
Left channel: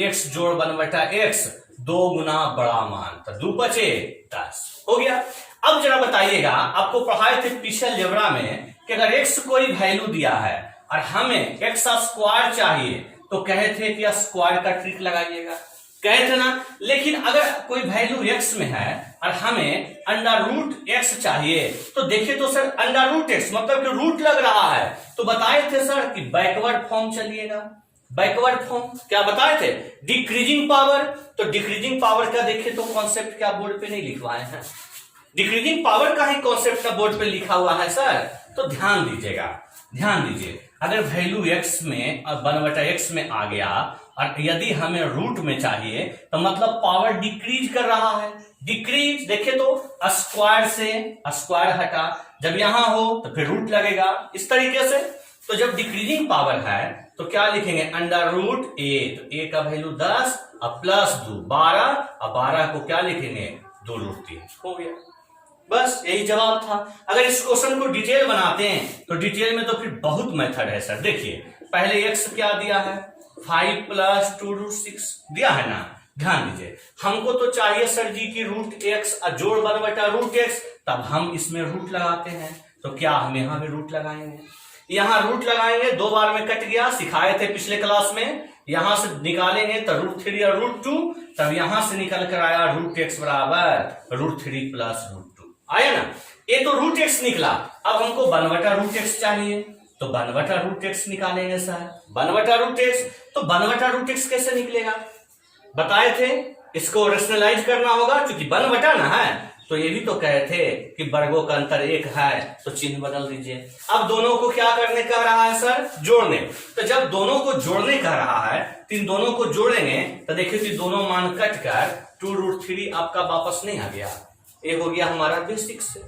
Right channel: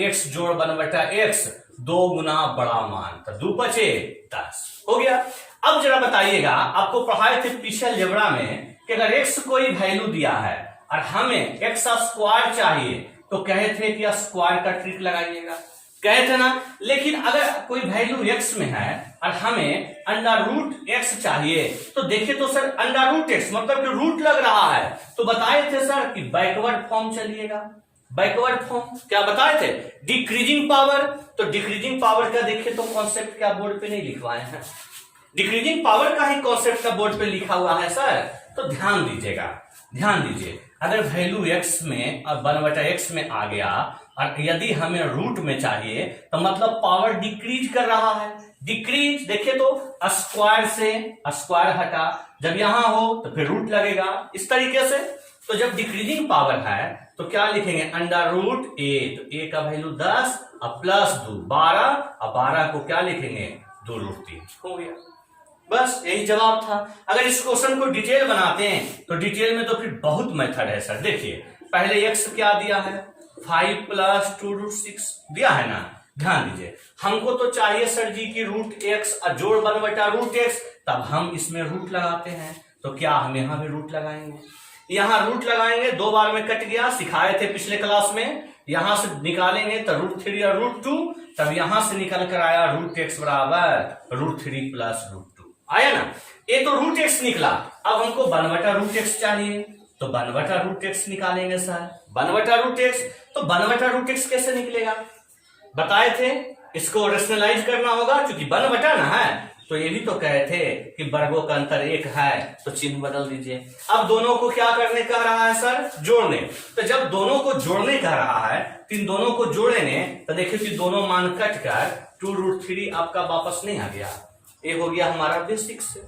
x जोड़ 1/x, 2 गुना बड़ा मान, तो 2 बचे 10 हो गया। अब जरा बताइएगा, आपको पढ़ाए थे पीछे अलजेब्रा में कि अगर x कोई वैल्यू दिया है और हमें x² चाहिए तो कहे थे कि स्क्वायर का ट्रिक लगाइएगा, कहे थे ना। लेकिन अगर कोई वैल्यू x में है और हमें √x चाहिए तो देखिए तो सर √x मतलब कि रूट लग रहा है, तो बताए थे सर कि बैकवर्ड फॉर्म चलिएगा। बैकवर्ड फॉर्म क्या बताए थे? Decreasing power. तो डिक्रीजिंग पावर का देखिए तो कॉन्सेप्ट क्या बोर्ड पे नहीं लिखवाए हैं, डिक्रीजिंग पावर का ही कॉन्सेप्ट का बोर्ड पे लिखा हुआ है सर। तो ध्यान दीजिएगा, ध्यान दीजिए, अगर वैल्यू x में और 1/x में आ गया और यदि हमें रूट में चाहिए तो मतलब पावर डिक्रीज कर रहा है। डिक्रीज देखिए तो स्क्वायर से स्क्वायर हटा, जब यहां हो तो फिर रूट लगेगा, इस तरीके से। तो जब डिक्रीजिंग पावर है तो क्या लिखेंगे? √a, तो a का वैल्यू 10 और प्लस 2 12 और 12 को क्या लिखेंगे? 2√3 हो गया। बस यही जवाब था। अगर इस क्वेश्चन को डिटेल बनाते हैं तो डिटेल में तो फिर बहुत मेथड है सर। देखिए पहले x क्या दिया है? 5 प्लस 2√6 दिया है ना। ध्यान दीजिए, हमको तो चाहिए सर जी की √x और जोड़ 1/√x, तब हम इसमें रूट लगाते हैं। तो क्या हम यहां भी रूट लगाएंगे? यहां रूट लगाएंगे, 2 बार में कट गया, सिखाए थे पिछले क्लास में। यहां से निकालेंगे तो √3 और √2, तब यहां से निकल कर आया √x बराबर √3 प्लस √2 आया ना। ये तो √x निकला, अब हमको 1/√x चाहिए, तो 1/√x निकालेंगे सर। 1/√x, तो 1/√x कैसे निकलेगा? बताए थे इसको रेशनलाइज करना होगा, क्योंकि 1/, ना है तो ये भी तो कहे थे कि वर्गों का अंतर 1 है, तो चिन्ह बदल दीजिए। अब दोनों को क्या करने कह रहा है सर? जोड़ने। तो जब दोनों को जोड़ने कह रहा है तो इन दोनों को जोड़ेंगे तो देखिए कि दोनों मान कट कर 2√3 आपका वापस नहीं आ गया। ये हो गया हमारा बेसिक से,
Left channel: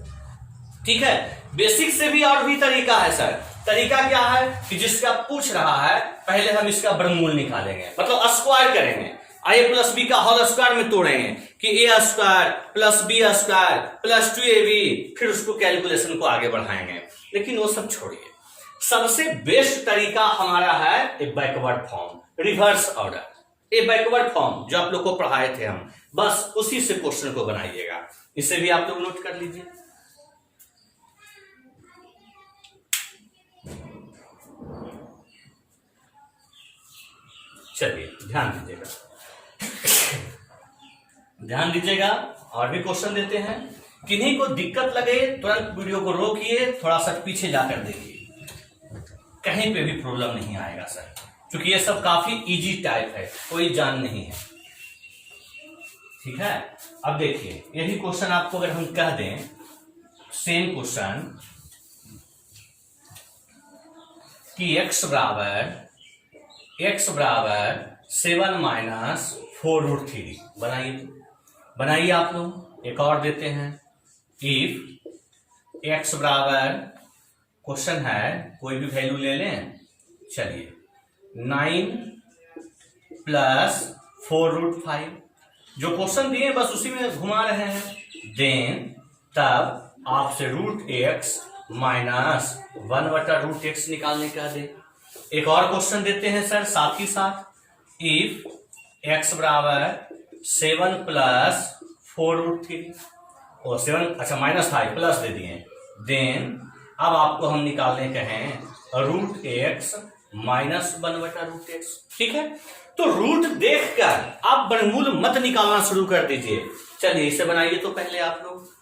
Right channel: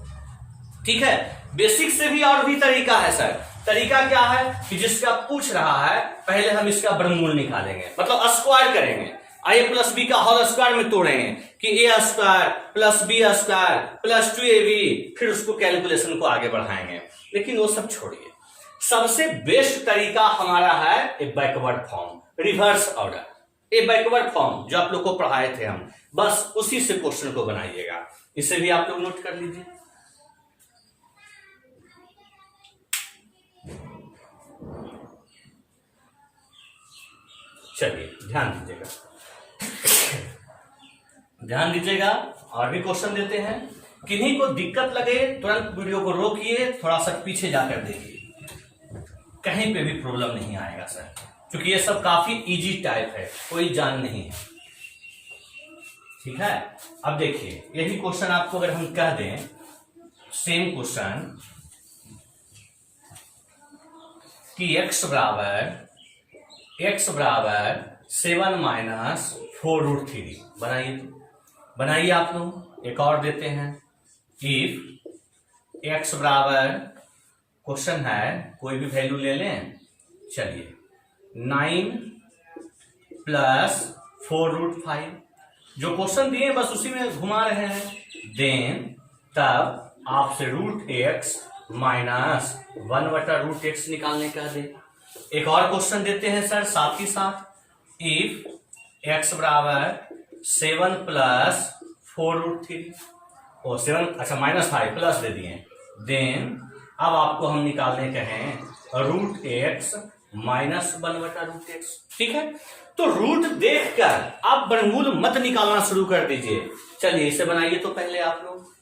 ठीक है। बेसिक से भी और भी तरीका है सर। तरीका क्या है कि जिसका पूछ रहा है पहले हम इसका वर्गमूल निकालेंगे, मतलब स्क्वायर करेंगे, a प्लस बी का होल स्क्वायर में तोड़ेंगे कि a² plus b² plus 2ab, फिर उसको कैलकुलेशन को आगे बढ़ाएंगे। लेकिन वो सब छोड़िए, सबसे बेस्ट तरीका हमारा है ए बैकवर्ड फॉर्म, रिवर्स ऑर्डर। ए बैकवर्ड फॉर्म जो आप लोग को पढ़ाए थे हम, बस उसी से क्वेश्चन को बनाइएगा। इसे भी आप लोग नोट कर लीजिए। चलिए ध्यान दीजिएगा, ध्यान दीजिएगा, और भी क्वेश्चन देते हैं। किन्हीं को दिक्कत लगे तुरंत वीडियो को रोकिए, थोड़ा सा पीछे जाकर देखिए, कहीं पे भी प्रॉब्लम नहीं आएगा सर, क्योंकि ये सब काफी इजी टाइप है, कोई जान नहीं है, ठीक है। अब देखिए यही क्वेश्चन आपको अगर हम कह दें, सेम क्वेश्चन कि x बराबर 7 माइनस 4√3 बनाइए, बनाइए आप लोग। एक और देते हैं इफ एक्स बराबर, क्वेश्चन है कोई भी वैल्यू ले लें, चलिए 9 प्लस 4√5, जो क्वेश्चन दिए बस उसी में घुमा रहे हैं, देन तब आपसे √x माइनस 1/√x निकालने का दे। एक और क्वेश्चन देते हैं सर साथ ही साथ, इफ x बराबर 7 प्लस 4√3 और 7, अच्छा -5 प्लस दे दिए, देन अब आपको हम निकालने के हैं √x माइनस 1/√x। ठीक है, तो रूट देखकर आप वर्गमूल मत निकालना शुरू कर दीजिए। चलिए इसे बनाइए तो पहले आप लोग,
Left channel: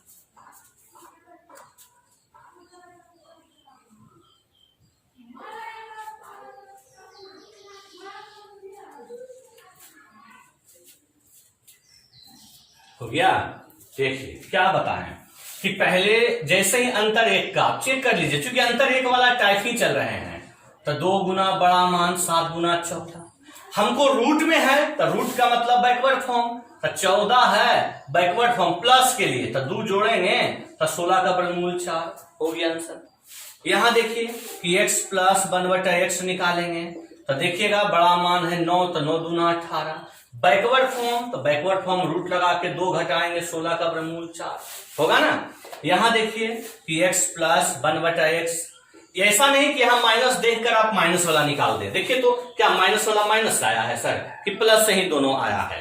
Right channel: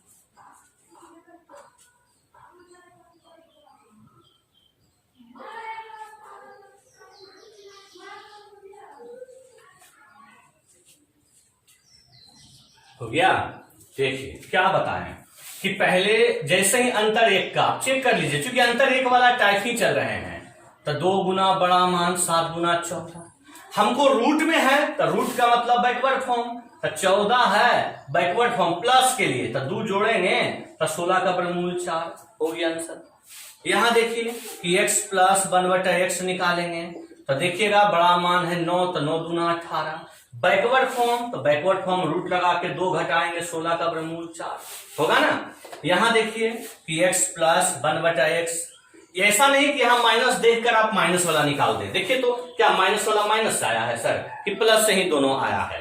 हो गया। देखिए क्या बताएं कि पहले जैसे ही अंतर एक का चेक कर लीजिए, क्योंकि अंतर एक वाला टाइप ही चल रहे हैं, तो 2 गुना बड़ा मान 7 गुना 14, हमको रूट में है तो रूट का मतलब बैकवर्ड फॉर्म, तो 14 है बैकवर्ड फॉर्म प्लस के लिए, तो 2 जोड़ेंगे तो 16 का वर्गमूल 4 हो गया आंसर। यहां देखिए कि x प्लस 1/x निकालेंगे तो देखिएगा बड़ा मान है 9, तो 9 दूना 18, बैकवर्ड फॉर्म तो बैकवर्ड फॉर्म रूट लगा के 2 घटाएंगे, 16 का वर्गमूल 4 होगा ना। यहां देखिए कि x प्लस 1/x, ऐसा नहीं कि यहां माइनस देखकर आप माइनस वाला निकाल दें, देखिए तो क्या माइनस वाला माइनस आया है सर कि प्लस से ही दोनों आया है,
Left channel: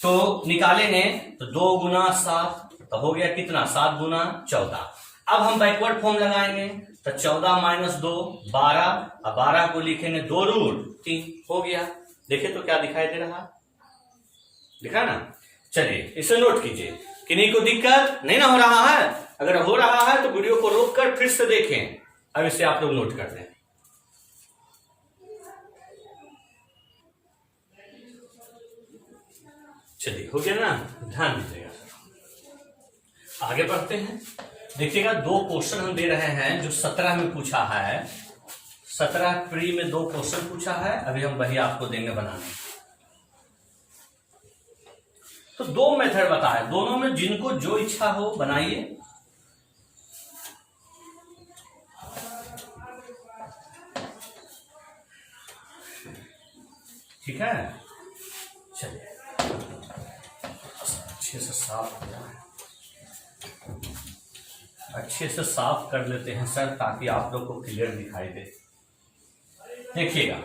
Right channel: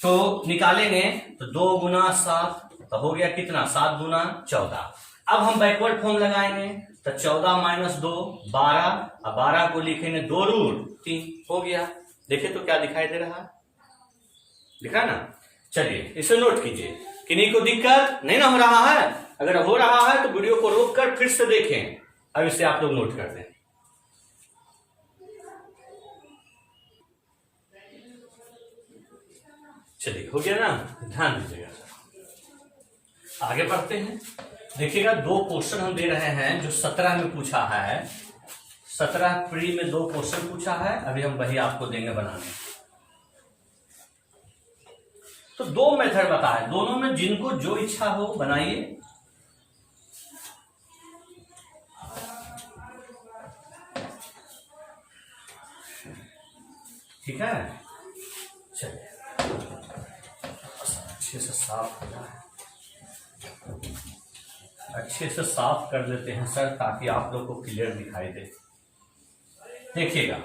तो निकालेंगे तो 2 गुना 7 तो हो गया कितना 7 गुना 14। अब हम बैकवर्ड फॉर्म लगाएंगे तो 14 माइनस 2 12, अब 12 को लिखेंगे 2√3 हो गया। देखिए तो क्या दिखाई दे रहा है, दिखा ना। चलिए इसे नोट कीजिए, किन्हीं को दिक्कत नहीं ना हो रहा है, अगर हो रहा है तो वीडियो को रोककर फिर से देखें। अब इसे आप लोग नोट कर दें। चलिए हो गया ना, ध्यान दीजिएगा सर। आगे बढ़ते हैं, देखिएगा 2 क्वेश्चन हम दे रहे हैं जो 17 में पूछा है, 17 प्री में 2 क्वेश्चन पूछा है, अभी हम वही आपको देंगे बनाने। तो 2 मेथड बताए, दोनों में जिनको जो इच्छा हो बनाइए। ठीक है, चलिए अच्छे से साफ हो जाए, अच्छे से साफ कर लेते हैं सर ताकि आप लोग को क्लियर दिखाई दे। देखिएगा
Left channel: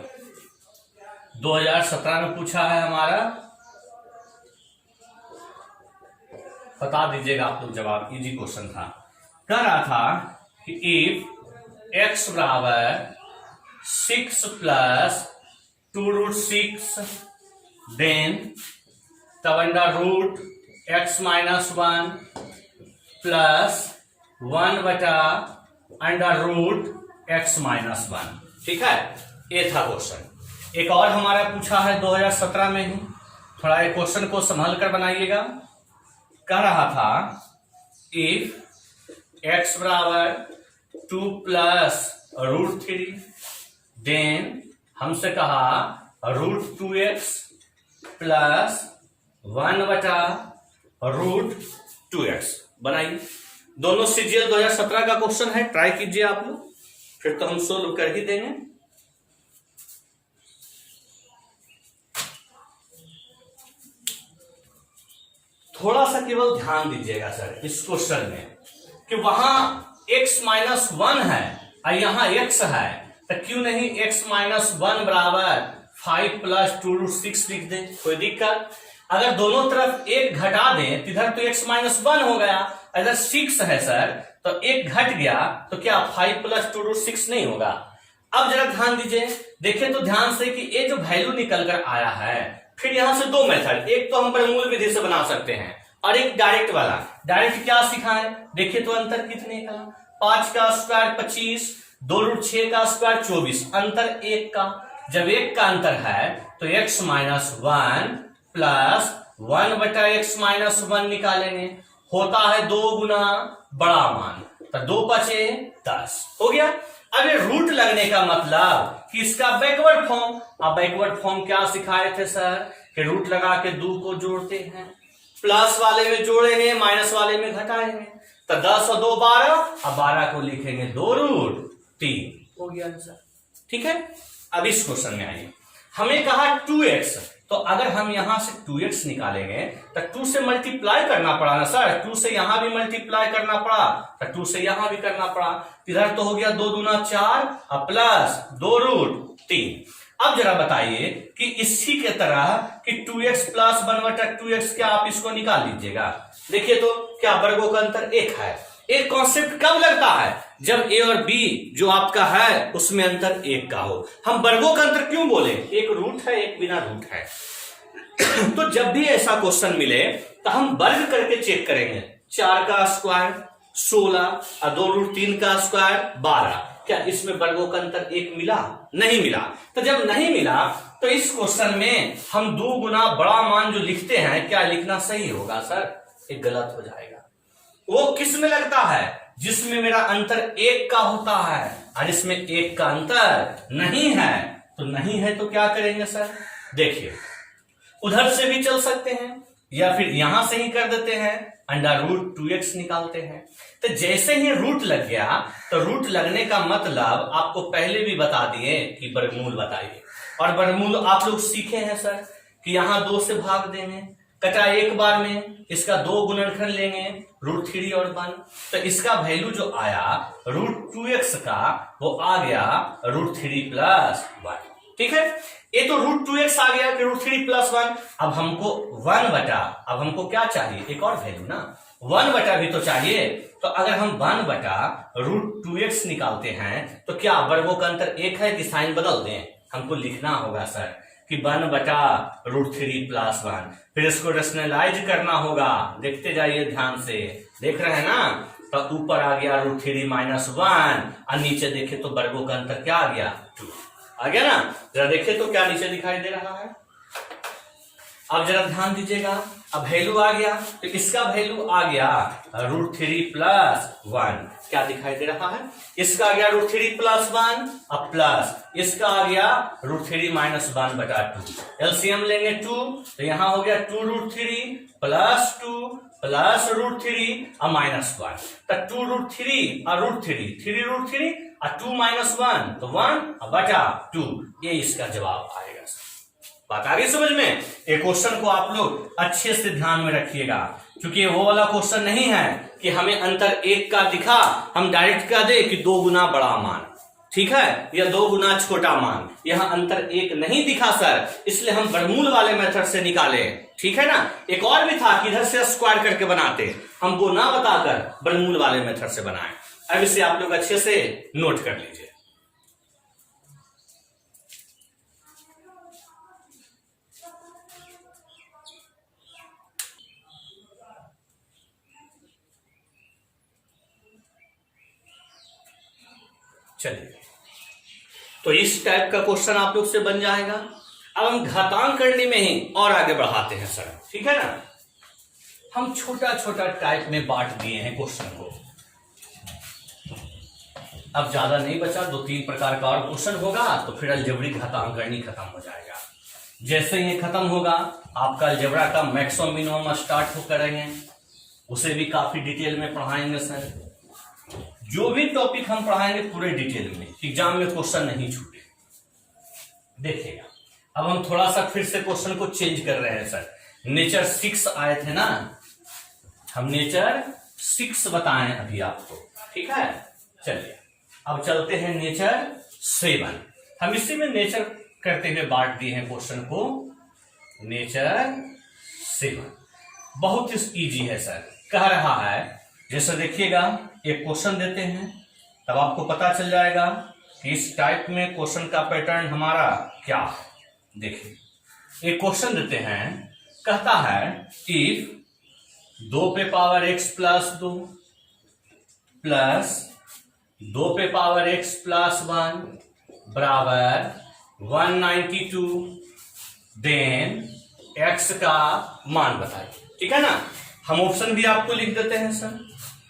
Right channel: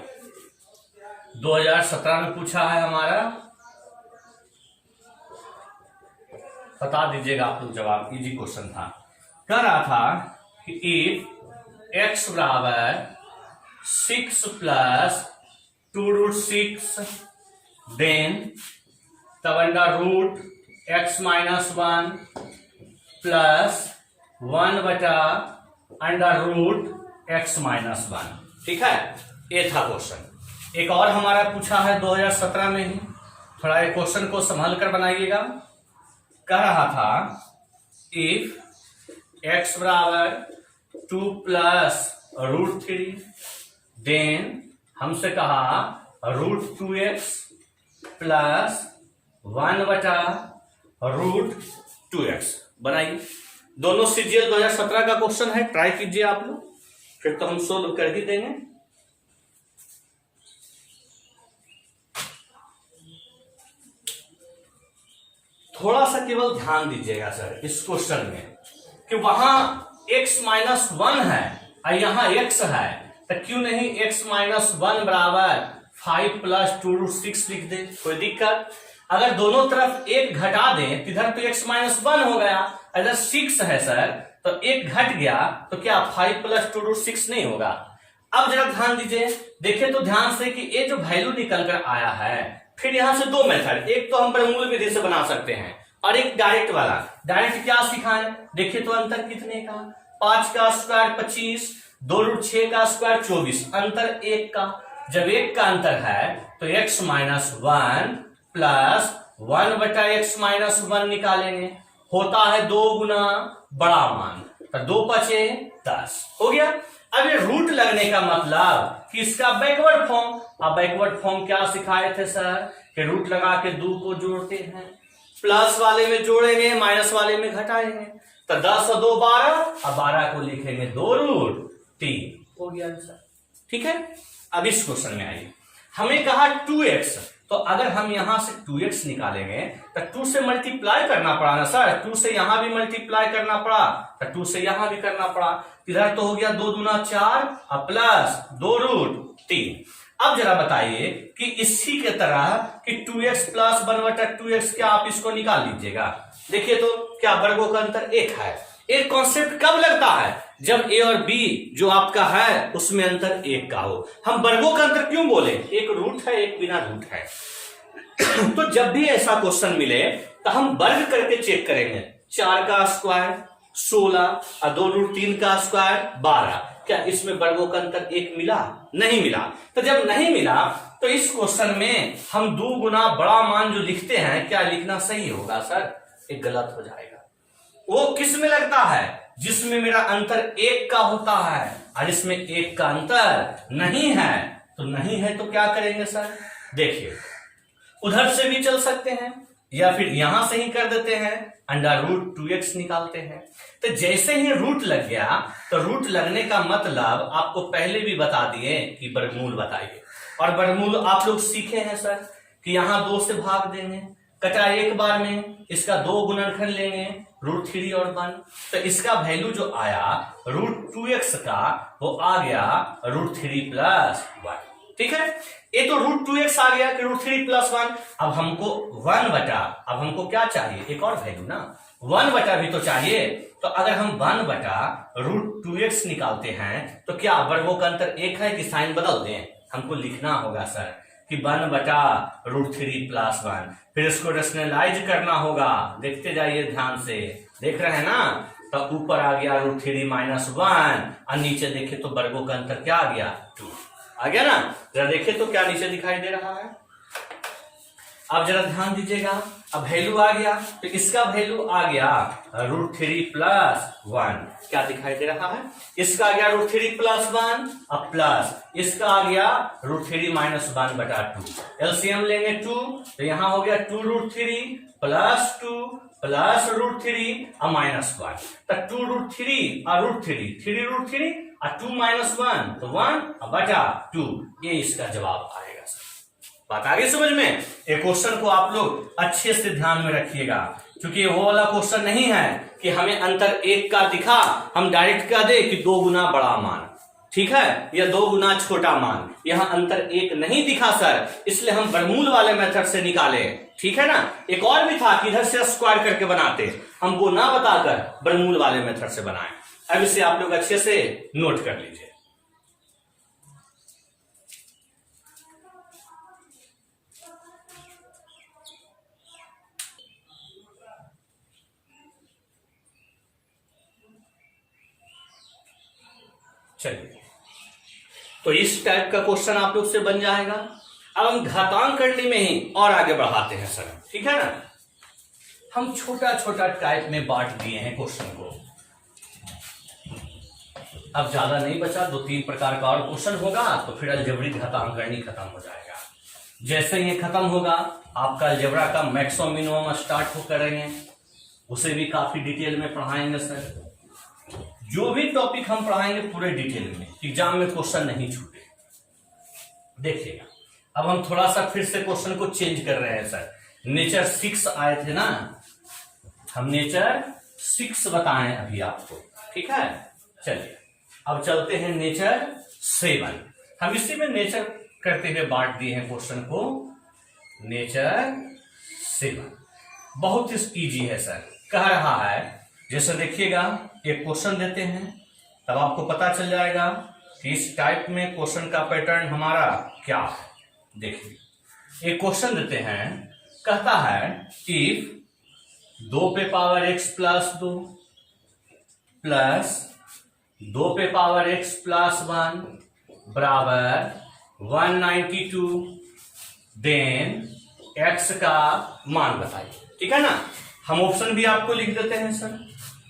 2017 में पूछा है हमारा, बता दीजिएगा आप लोग जवाब, इजी क्वेश्चन था। कह रहा था कि इफ x बराबर 6 प्लस 2√6 देन तब √x minus 1 plus 1/√x minus 1। ठीक है, ये था क्वेश्चन। एक और हमारा पूछा है 2017 में ही, थोड़ा ये क्वेश्चन को संभल कर बनाइएगा। कह रहा था इफ x बराबर 2 प्लस √3 देन हमसे कहा √2x प्लस 1/√2x। बनाइए, दोनों सीजीएल 2017 का क्वेश्चन है, ट्राई कीजिए आप लोग, फिर तो हम सोल्व कर ही देंगे। थोड़ा सा केवल ध्यान दीजिएगा सर इस क्वेश्चन में कि वहां x माइनस 1 है और यहां x है, तो क्यों नहीं x माइनस 1 बराबर 5 प्लस 2√6 लिख दे, कोई दिक्कत। अगर दोनों तरफ 1 घटा दें तो इधर तो x माइनस 1 हो गया, इधर 6 है सर तो 1 घट गया, तो क्या 5 प्लस 2√6 नहीं होगा। अब जरा ध्यान दीजिए, देखिए तो ध्यान से कि ये जो वैल्यू निकल कर आया है, फिर यहां से 2 मेथड, एक तो हम वर्गमूल विधि से बना सकते हैं और एक डायरेक्ट वाला। डायरेक्ट क्या सिखाएं, देखिए तो अंतर कितने का, 5 का स्क्वायर 25, 2√6 का स्क्वायर 24, अंतर 1 का। जब 1 का अंतर है तो x minus 1 plus 1/x minus 1 निकालेंगे, होता है 2 गुना बड़ा मान, तो 2 पचे 10 हो गया। अब ये रूट लगने का मतलब कि इसका बैकवर्ड फॉर्म, अब बैकवर्ड फॉर्म क्या सिखाए थे सर कि रूट लगा के 2 को जोड़ते हैं, प्लस वाले में जोड़ेंगे माइनस वाले में घटाएंगे, तो 10 और 2 12, अब 12 को लिखेंगे 2√3, हो गया आंसर। ठीक है, अब इस क्वेश्चन में आइए, हमें कहा 2x, तो अगर हम यहां से 2x निकालेंगे तो 2 से मल्टीप्लाई करना पड़ा ना सर, 2 से यहां भी मल्टीप्लाई करना पड़ा, तो 2 से यहां भी करना पड़ा, इधर तो हो गया 2 दूना 4 और प्लस 2√3। अब जरा बताइए कि इसी के तरह कि 2x प्लस 1/2x, क्या आप इसको निकाल लीजिएगा? देखिए तो क्या वर्गों का अंतर 1 है। एक कॉन्सेप्ट कब लगता है? जब a और b जो आपका है उसमें अंतर 1 का हो। हम वर्गों का अंतर क्यों बोले? एक रूट है, एक बिना रूट है। तो जब भी ऐसा क्वेश्चन मिले तो हम वर्ग करके चेक करेंगे। 4 का स्क्वायर 16 और 2√3 का स्क्वायर 12, क्या इसमें वर्गों का अंतर 1 मिला? नहीं मिला। तो जब नहीं मिला तो इस क्वेश्चन में हम 2 गुना बड़ा मान जो लिखते हैं, क्या लिखना सही होगा सर? एक गलत हो जाएगा। वो किस में लगता है? जिसमें मेरा अंतर 1 का होता है, और इसमें 1 का अंतर नहीं है। तो नहीं है तो क्या करेंगे सर? देखिए, उधर से भी चल सकते हैं या फिर यहां से ही कर देते हैं, √2x निकालते हैं। तो जैसे ही रूट लग गया, तो रूट लगने का मतलब आपको पहले भी बता दिए कि वर्गमूल बताइए। और वर्गमूल आप लोग सीखे हैं सर कि यहां 2 से भाग देंगे, कटा एक बार में, इसका 2 गुणनखंड लेंगे √3 और 1, तो इसका वैल्यू जो आया √2x का वो आ गया √3 + 1। ठीक है, ये तो √2x आ गया कि √3 + 1। अब हमको 1 बटा, अब हमको क्या चाहिए? एक और वैल्यू ना, 1 बटा भी तो चाहिए। तो अगर हम 1 बटा √2x निकालते हैं तो क्या वर्गों का अंतर 1 है कि साइन बदल दें? हमको लिखना होगा सर कि 1 बटा √3 + 1, फिर इसको रेशनलाइज करना होगा। देखते जाइए ध्यान से, देख रहे हैं ना? तो ऊपर आ गया √3 - 1 और नीचे देखे तो वर्गों का अंतर क्या आ गया? 2 आ गया ना? जरा देखे तो क्या नीचे दिखाई दे रहा है? अब जरा ध्यान दीजिएगा, अब वैल्यू आ गया, तो इसका वैल्यू आ गया √3 + 1, क्या दिखाई दे रहा है? इसका आ गया √3 + 1 और प्लस इसका आ गया √3 - 1/2। एलसीएम लेंगे 2, तो यहां हो गया 2√3 + 2 + √3 और -1, तो 2√3 और √3, 3√3 और 2 - 1, तो 1/2, ये इसका जवाब आएगा। बात आ गई समझ में? एक क्वेश्चन को आप लोग अच्छे से ध्यान में रखिएगा, क्योंकि वो वाला क्वेश्चन नहीं है कि हमें अंतर 1 का दिखा, हम डायरेक्ट कह दे कि 2 गुना बड़ा मान, ठीक है, या 2 गुना छोटा मान। यहां अंतर 1 नहीं दिखा सर, इसलिए हम वर्गमूल वाले मेथड से निकाले। ठीक है ना? एक और भी था कि इधर से स्क्वायर करके बनाते, हम वो ना बताकर वर्गमूल वाले मेथड से बनाए। अब इसे आप लोग अच्छे से नोट कर लीजिए। चलिए, तो इस टाइप का क्वेश्चन आप लोग से बन जाएगा। अब हम घातांक करने में ही और आगे बढ़ाते हैं सर, ठीक है ना? हम छोटा छोटा टाइप में बांट दिए हैं क्वेश्चन को। अब ज्यादा नहीं बचा, 2-3 प्रकार का और क्वेश्चन होगा, तो फिर अलजेब्रिक घातांक करनी खत्म हो जाएगा। जैसे ये खत्म होगा, आपका अलजेब्रा का मैक्सिमम मिनिमम स्टार्ट हो करेंगे, उसे भी काफी डिटेल में पढ़ाएंगे सर। जो भी टॉपिक हम पढ़ाएंगे पूरे डिटेल में, एग्जाम में क्वेश्चन नहीं छूटे। देखिएगा, अब हम थोड़ा सा फिर से क्वेश्चन को चेंज कर रहे हैं सर। नेचर 6 आए थे ना, हम नेचर 6 बताएं अभी आपको, ठीक है? चलिए, अब चलते हैं नेचर 7। हम इसी में नेचर करते हुए बांट दिए हैं क्वेश्चन को। नेचर 7 बहुत इजी है सर, कह रहा है जैसे देखिएगा, एक क्वेश्चन देते हैं, तब आपको पता चल जाएगा कि इस टाइप में क्वेश्चन का पैटर्न हमारा क्या है। देखिए, एक क्वेश्चन देते हैं, कहता है इफ 2 पे पावर x + 2 प्लस 2 पे पावर x + 1 बराबर 192, देन x का मान बताइए। ठीक है ना? हम ऑप्शन भी आपको लिख देते हैं सर।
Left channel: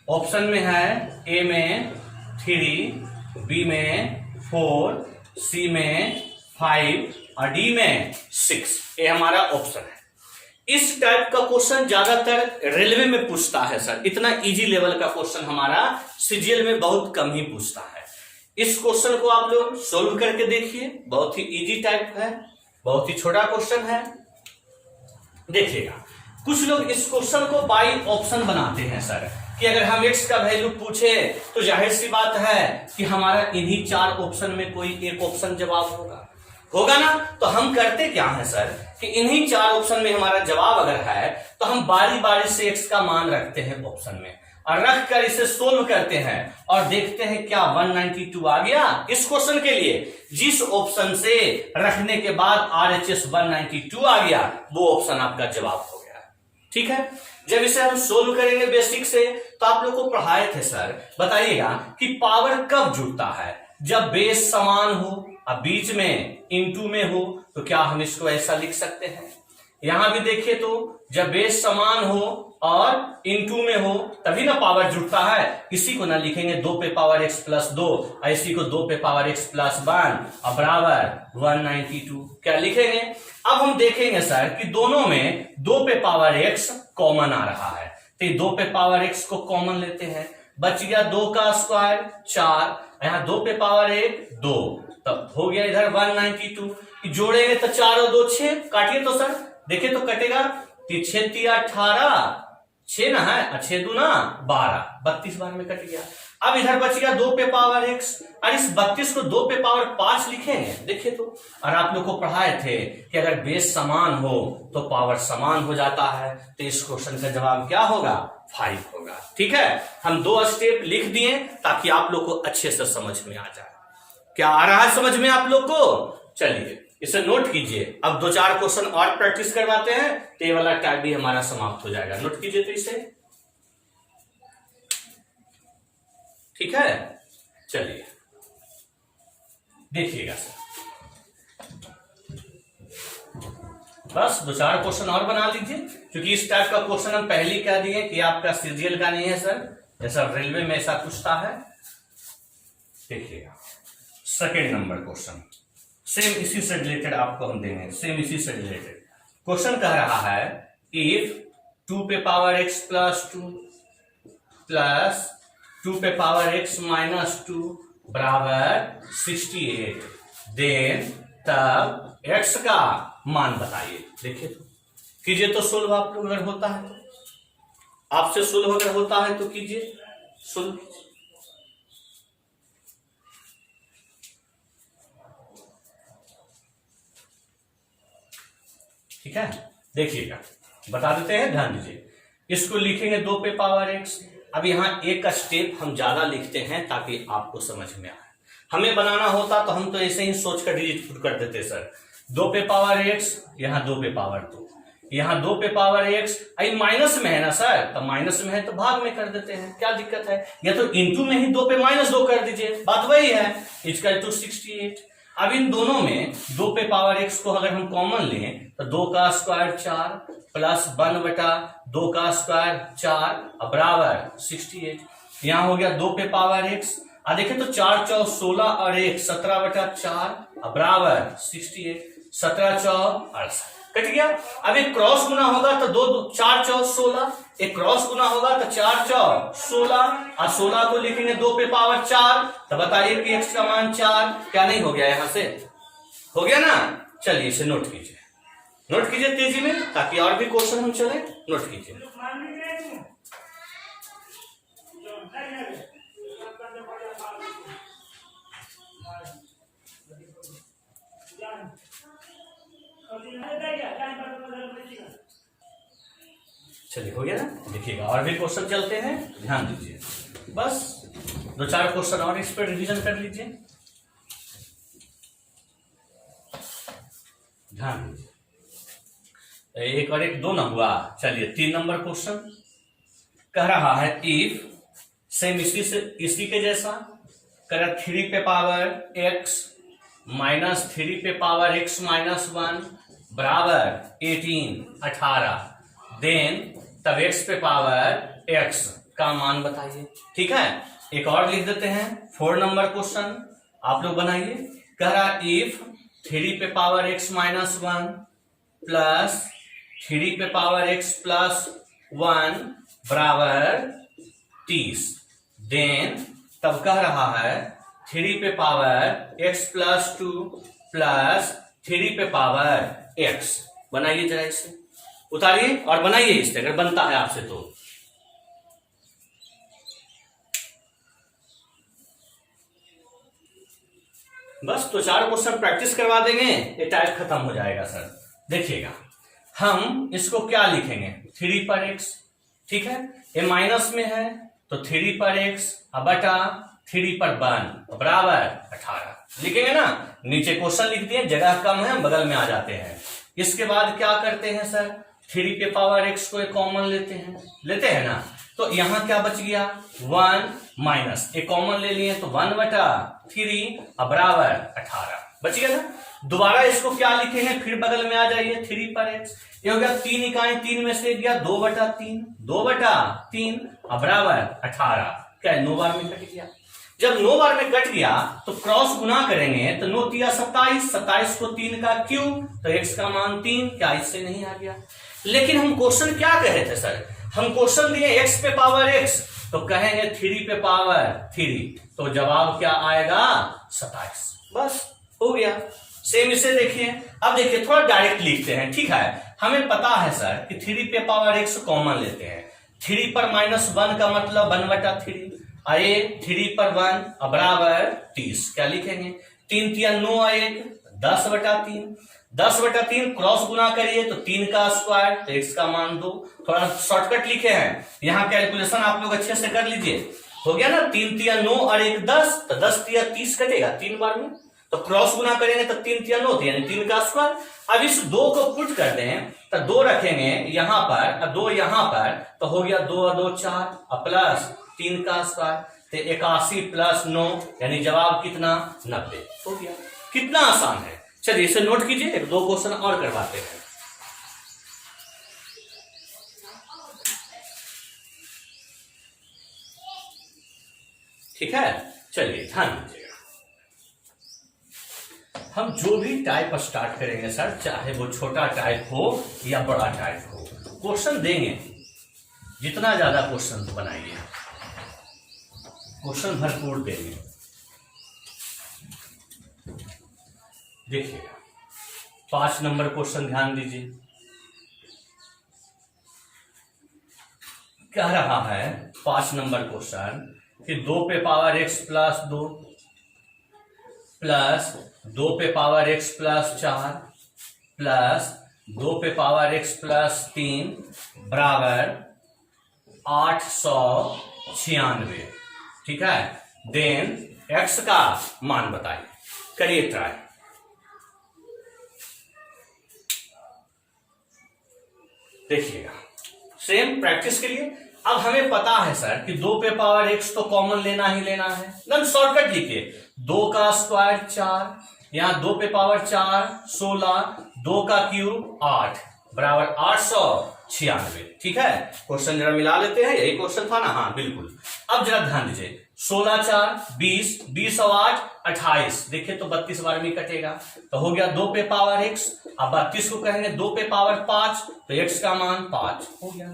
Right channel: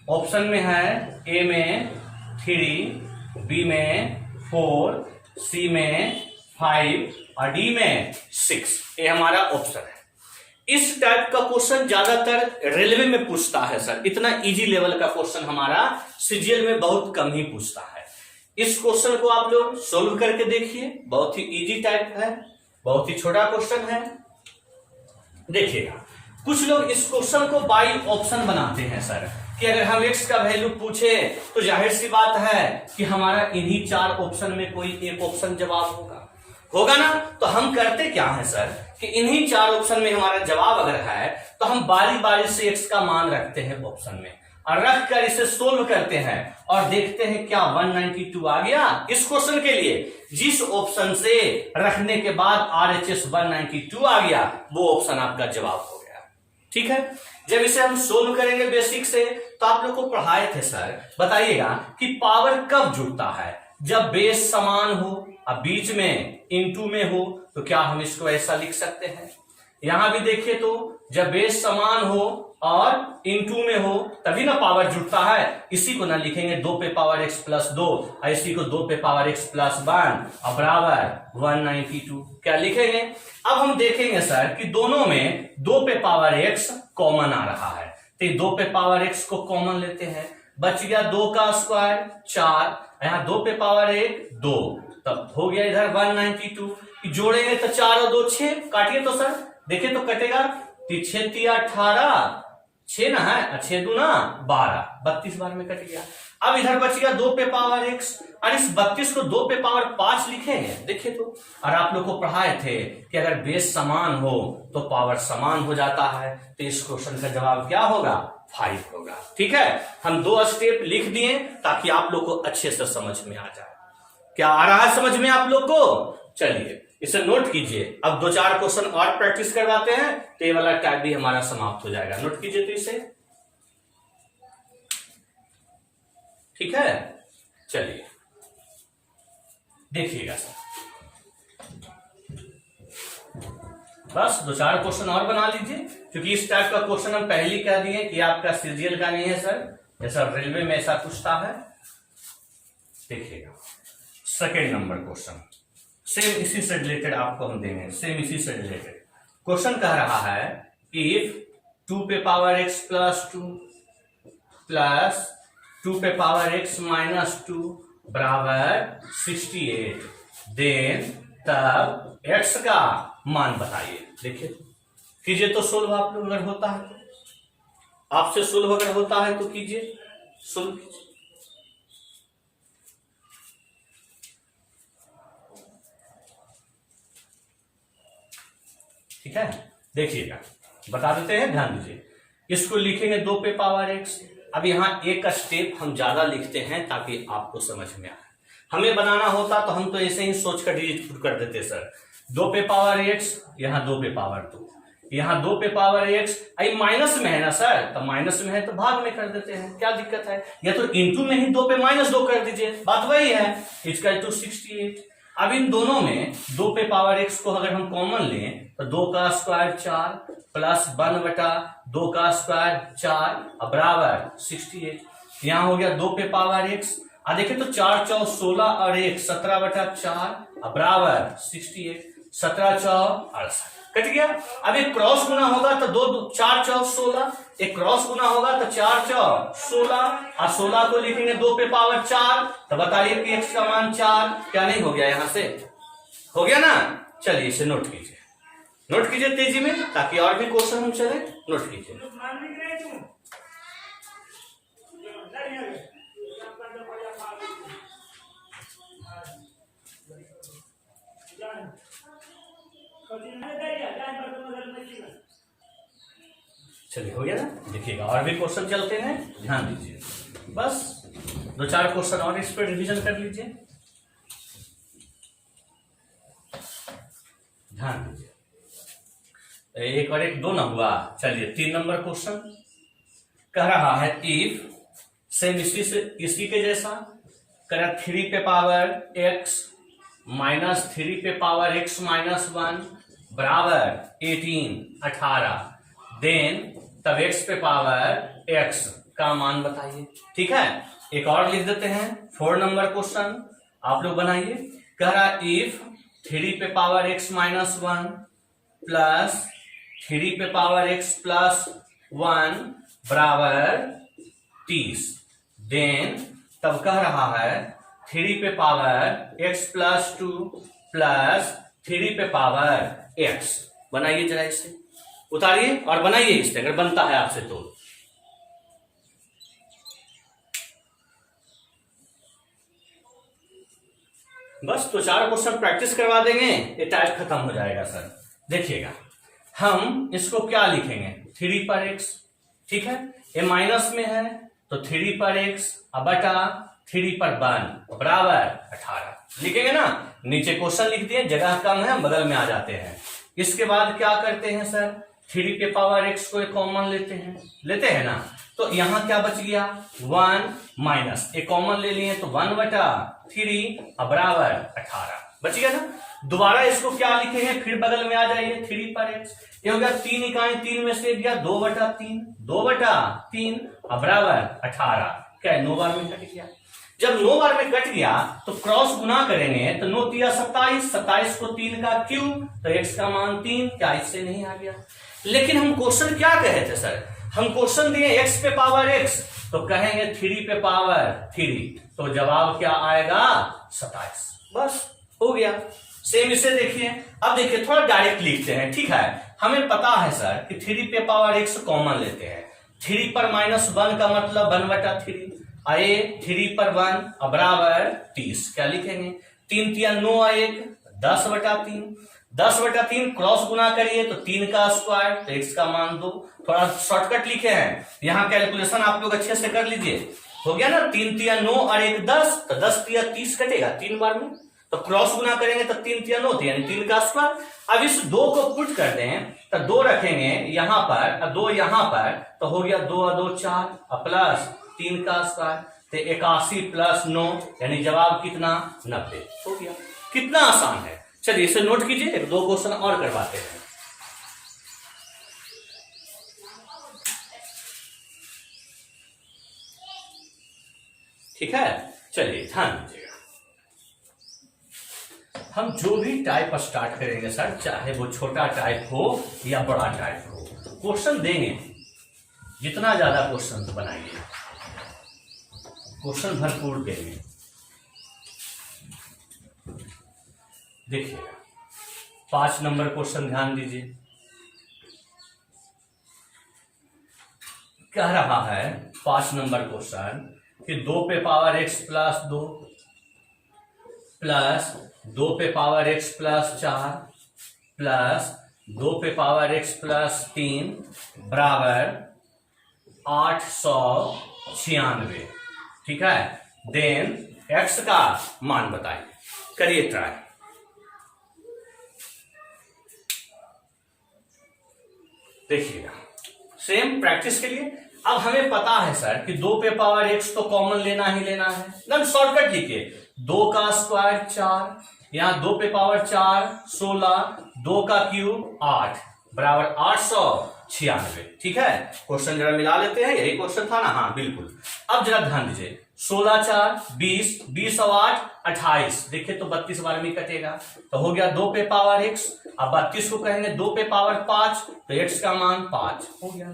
ऑप्शन में है ए में 3, बी में 4, सी में 5 और डी में 6। ये हमारा ऑप्शन है। इस टाइप का क्वेश्चन ज्यादातर रेलवे में पूछता है सर, इतना इजी लेवल का क्वेश्चन हमारा सीजीएल में बहुत कम ही पूछता है। इस क्वेश्चन को आप लोग सोल्व करके देखिए, बहुत ही इजी टाइप है, बहुत ही छोटा क्वेश्चन है। देखिएगा, कुछ लोग इस क्वेश्चन को बाई ऑप्शन बनाते हैं सर, कि अगर हम x का वैल्यू पूछे तो जाहिर सी बात है कि हमारा इन्हीं 4 ऑप्शन में कोई एक ऑप्शन जवाब होगा ना। तो हम करते क्या है सर कि इन्हीं 4 ऑप्शन में हमारा जवाब अगर है तो हम बारी बारी से x का मान रखते हैं ऑप्शन में, और रख कर इसे सोल्व करते हैं और देखते हैं क्या 192 आ गया। इस क्वेश्चन के लिए जिस ऑप्शन से रखने के बाद RHS 192 आ गया वो ऑप्शन आपका जवाब हो गया। ठीक है, जब इसे हम सोल्व करेंगे बेसिक से, तो आप लोग को पढ़ाए थे सर, बताइएगा कि पावर कब जुड़ता है, जब बेस समान हो और बीच में इनटू में हो। तो क्या हम इसको ऐसा लिख सकते हैं, यहां भी देखिए तो जब बेस समान हो और इनटू में हो तभी ना पावर जुड़ता है। इसी को ना लिखेंगे 2 पे पावर x प्लस 2, और इसी को 2 पे पावर x प्लस 1 और बराबर 192 क्या लिखेंगे। अब हम देखेंगे सर कि दोनों में 2 पे पावर x कॉमन आ रहा है, तो 2 पे पावर x को कॉमन लेते हैं, बच गया 2 का स्क्वायर 4, यहाँ 2 पे पावर 1 2, तब हो गया इधर 192। जोड़ेंगे तो 4 और 2 6, काटिए तो सर, देखिए तो कटेगा, 6 3 18 6 ना है, 6 2 ना 12, 32 बार में कट गया। अब इधर बच गया 2 पे पावर x, और इस 32 को 2 पे पावर 5 लिखेंगे, देखिए तो। और आप लोग को पढ़ाए थे कि अगर बेस समान हो तो पावर समान हो जाता है, तो इस क्वेश्चन का जवाब क्या होगा 5 होगा। ठीक है, हम 2 स्टेप लिख दिए ताकि आप लोग को अच्छे से समझ में आ जाए। क्या आ रहा है समझ में आप लोग को? चलिए इसे नोट कीजिए। अब 2-4 क्वेश्चन और प्रैक्टिस करवाते हैं, तो ये वाला टाइप भी हमारा समाप्त हो जाएगा। नोट कीजिए तो इसे, ठीक है। चलिए देखिएगा सर, बस 2-4 क्वेश्चन और बना लीजिए, क्योंकि इस टाइप का क्वेश्चन हम पहले ही कह दिए कि आपका सीजीएल का नहीं है सर, जैसा रेलवे में ऐसा पूछता है। देखिएगा सेकेंड नंबर क्वेश्चन, सेम इसी से रिलेटेड आपको हम देंगे, सेम इसी से रिलेटेड क्वेश्चन कह रहा है इफ 2 पे पावर x प्लस 2 प्लस 2 पे पावर x माइनस 2 बराबर 68, देन तब x का मान बताइए। देखिए कीजिए तो सोल्व, आप लोग अगर होता है तो, आपसे सोल्व अगर होता है तो कीजिए, सोल्व कीजिए। ठीक है, देखिएगा बता देते हैं, ध्यान दीजिए। इसको लिखेंगे 2 पे पावर x। अब यहां एक स्टेप हम ज्यादा लिखते हैं ताकि आपको समझ में आए। हमें बनाना होता तो हम तो ऐसे ही सोच कर डिजिट पुट कर देते सर, 2 पे पावर x, यहां 2 पे पावर 2, यहां 2 पे पावर x, आई माइनस में है ना सर, तो माइनस में है तो भाग में कर देते हैं, क्या दिक्कत है। या तो इंटू में ही 2 पे माइनस 2 कर दीजिए, बात वही है, इक्वल टू 68। अब इन दोनों में 2 पे पावर x को अगर हम कॉमन लें तो 2 का स्क्वायर 4 प्लस 1 बटा 2 का स्क्वायर 4 बराबर 68। यहां हो गया 2 पे पावर x, देखिए तो 4 4 16 और 1 17 बटा 4 बराबर 68, 17 4 68 कट गया। अब एक क्रॉस गुना होगा तो 2 4 4 16, एक क्रॉस गुना होगा तो 4 4 16, और 16 को लिखेंगे 2 पे पावर 4, तो बताइए कि x का मान 4, क्या नहीं हो गया, यहां से हो गया ना। चलिए इसे नोट कीजिए, नोट कीजिए तेजी में ताकि और भी क्वेश्चन हम चले, नोट कीजिए। चलिए हो गया ना, देखिएगा और भी क्वेश्चन चलते हैं, ध्यान दीजिए। बस 2-4 क्वेश्चन और इस पर रिवीजन कर लीजिए, ध्यान दीजिए। एक और एक 2 ना हुआ, चलिए 3 नंबर क्वेश्चन कह रहा है इफ, सेम इसी के जैसा करा 3 पे पावर x माइनस 3 पे पावर x माइनस 1 बराबर 18, देन तब x पे पावर x का मान बताइए। ठीक है, एक और लिख देते हैं 4 नंबर क्वेश्चन, आप लोग बनाइए। कह रहा इफ 3 पे पावर x माइनस 1 प्लस 3 पे पावर x प्लस 1 बराबर 30। देन तब कह रहा है 3 पे पावर x प्लस 2 प्लस 3 पे पावर x। बनाइए जरा इसे, उतारिए और बनाइए इसे अगर बनता है आपसे तो। बस तो 4 क्वेश्चन प्रैक्टिस करवा देंगे, ये टाइप खत्म हो जाएगा सर। देखिएगा हम इसको क्या लिखेंगे, 3 पर x, ठीक है, ये माइनस में है तो 3 पर x बटा 3 पर 1 बराबर 18 लिखेंगे ना। नीचे क्वेश्चन लिख दिए, जगह कम है, हम बगल में आ जाते हैं। इसके बाद क्या करते हैं सर, 3 के पावर x को एक कॉमन लेते हैं ना, तो यहां क्या बच गया 1 माइनस एक कॉमन ले लिए तो 1 बटा 3 बराबर 18 बच गया ना। दोबारा इसको क्या लिखेंगे, फिर बगल में आ जाइए 3 पर x, ये हो गया 3 इकाई, 3 में से गया 2 बटा 3 बराबर 18। क्या है 9 बार में कट गया। जब 9 बार में कट गया तो क्रॉस गुना करेंगे तो 9 तिया 27, 27 को 3 का क्यूब तो x का मान 3। क्या इससे नहीं आ गया। लेकिन हम क्वेश्चन क्या कह रहे थे सर, हम क्वेश्चन दिए x पे पावर x तो कहेंगे 3 पे पावर 3, तो जवाब क्या आएगा 27। बस हो गया। सेम इसे देखिए, अब देखिए थोड़ा डायरेक्ट लिखते हैं, ठीक है। हमें पता है सर कि 3 पे पावर x कॉमन लेते हैं, 3 पर माइनस 1 का मतलब 1 बटा 3, आए 3 पर 1 बराबर 30। क्या लिखेंगे 3 तिया 9 आए 10 बटा 3, 10 बटा 3 क्रॉस गुना करिए तो 3 का स्क्वायर तो x का मान 2। थोड़ा शॉर्टकट लिखे हैं, यहां कैलकुलेशन आप लोग अच्छे से कर लीजिए। हो गया ना 3 तिया 9 और 1 10, तो 10 तिया 30 कटेगा 3 बार में, तो क्रॉस गुना करेंगे तो 3 तिया 9 यानी 3 का स्क्वायर। अब इस 2 को पुट कर दें तो 2 रखेंगे यहां पर और 2 यहां पर, तो हो गया 2 और 2 4 प्लस 3 का स्क्वायर तो 81 प्लस 9 यानी जवाब कितना 90 हो गया। कितना आसान है। चलिए इसे नोट कीजिए, एक 2 क्वेश्चन और करवाते हैं। ठीक है, चलिए ध्यान दीजिएगा। हम जो भी टाइप स्टार्ट करेंगे सर, चाहे वो छोटा टाइप हो या बड़ा टाइप हो, क्वेश्चन देंगे, जितना ज्यादा क्वेश्चन बनाइए, क्वेश्चन भरपूर देंगे। देखिएगा 5 नंबर क्वेश्चन ध्यान दीजिए, कह रहा है 5 नंबर क्वेश्चन कि 2 पे पावर x प्लस 2 प्लस 2 पे पावर x प्लस 4 प्लस 2 पे पावर x प्लस 3 बराबर 896। ठीक है, देन x का मान बताइए, करिए ट्राई। देखिएगा सेम प्रैक्टिस के लिए। अब हमें पता है सर कि 2 पे पावर x तो कॉमन लेना ही लेना है, एकदम शॉर्टकट लिखिए, 2 का स्क्वायर 4, यहां 2 पे पावर 4 16, 2 का क्यूब 8 बराबर 896। ठीक है, क्वेश्चन जरा मिला लेते हैं, यही क्वेश्चन था ना, हाँ बिल्कुल। अब जरा ध्यान दीजिए, 16 4 20, 20 और 8 28, देखिए तो 32 बार में कटेगा, तो हो गया 2 पे पावर x। अब 32 को कहेंगे 2 पे पावर 5 तो x का मान 5 हो गया।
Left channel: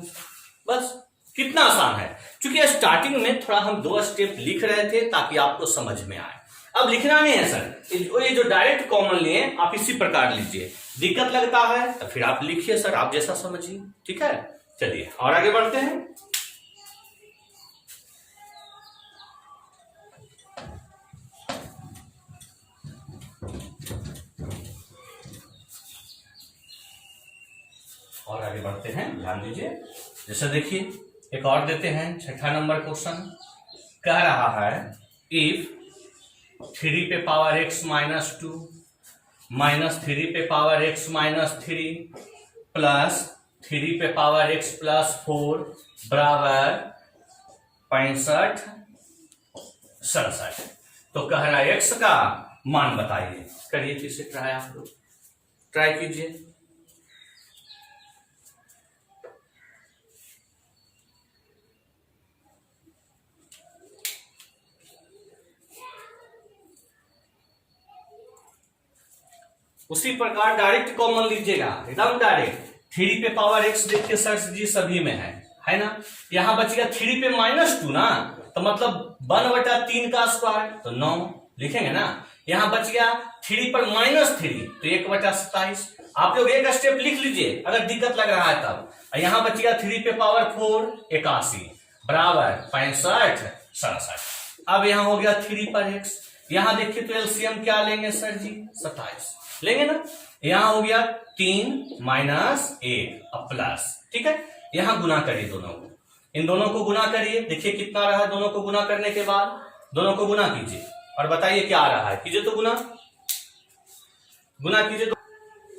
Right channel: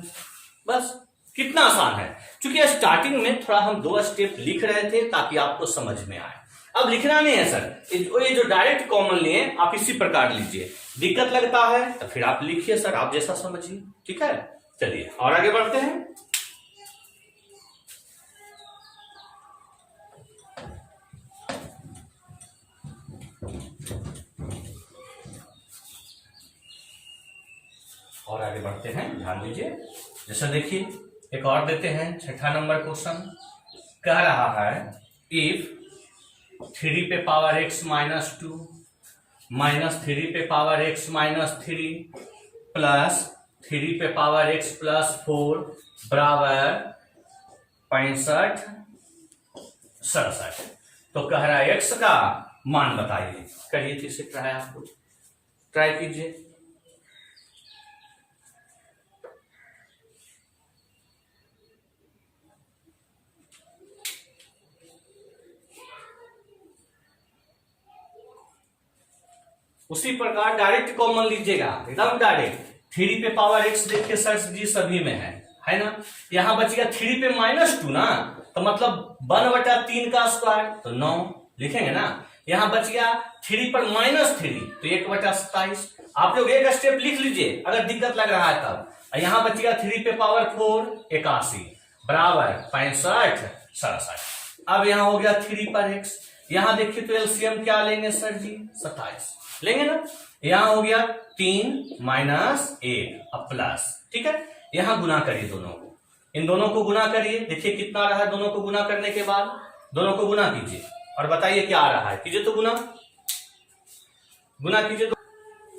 बस कितना आसान है। क्योंकि स्टार्टिंग में थोड़ा हम 2 स्टेप लिख रहे थे ताकि आपको समझ में आए, अब लिखना नहीं है सर, ये जो डायरेक्ट कॉमन लिए आप इसी प्रकार लीजिए। दिक्कत लगता है तो फिर आप लिखिए सर, आप जैसा समझिए। ठीक है, चलिए और आगे बढ़ते हैं। और आगे बढ़ते हैं, ध्यान दीजिए। जैसा देखिए एक और देते हैं, 6ठा नंबर क्वेश्चन कह रहा है इफ 3 पे पावर x माइनस 2 माइनस 3 पे पावर x माइनस 3 प्लस 3 पे पावर x प्लस 4 बराबर 65 67, तो कह रहा है x का मान बताइए। करिए फिर से ट्राई, आप लोग ट्राई कीजिए। उसी प्रकार डायरेक्ट कॉमन लीजिएगा, एकदम डायरेक्ट। 3 पे पावर x देखिए सर जी सभी में है ना। यहां बच गया 3 पे -2 ना, तो मतलब 1/3 का स्क्वायर तो 9 लिखेंगे ना। यहां बच गया 3 पर -3 तो 1/27। आप लोग एक स्टेप लिख लीजिए अगर दिक्कत लग रहा है तब। यहां बच गया 3 पे पावर 4 81 बराबर 65 67। अब यहां हो गया 3 पर x, यहां देखिए तो एलसीएम क्या लेंगे सर जी 27 लेंगे ना। यहां हो गया 3 - 1 अब प्लस, ठीक है। यहां गुना करिए दोनों को, इन दोनों को गुना करिए, देखिए कितना रहा। दोनों को गुना करने के बाद दोनों को गुना कीजिए और बताइए क्या आ रहा है। कीजिए तो गुना कीजिए तो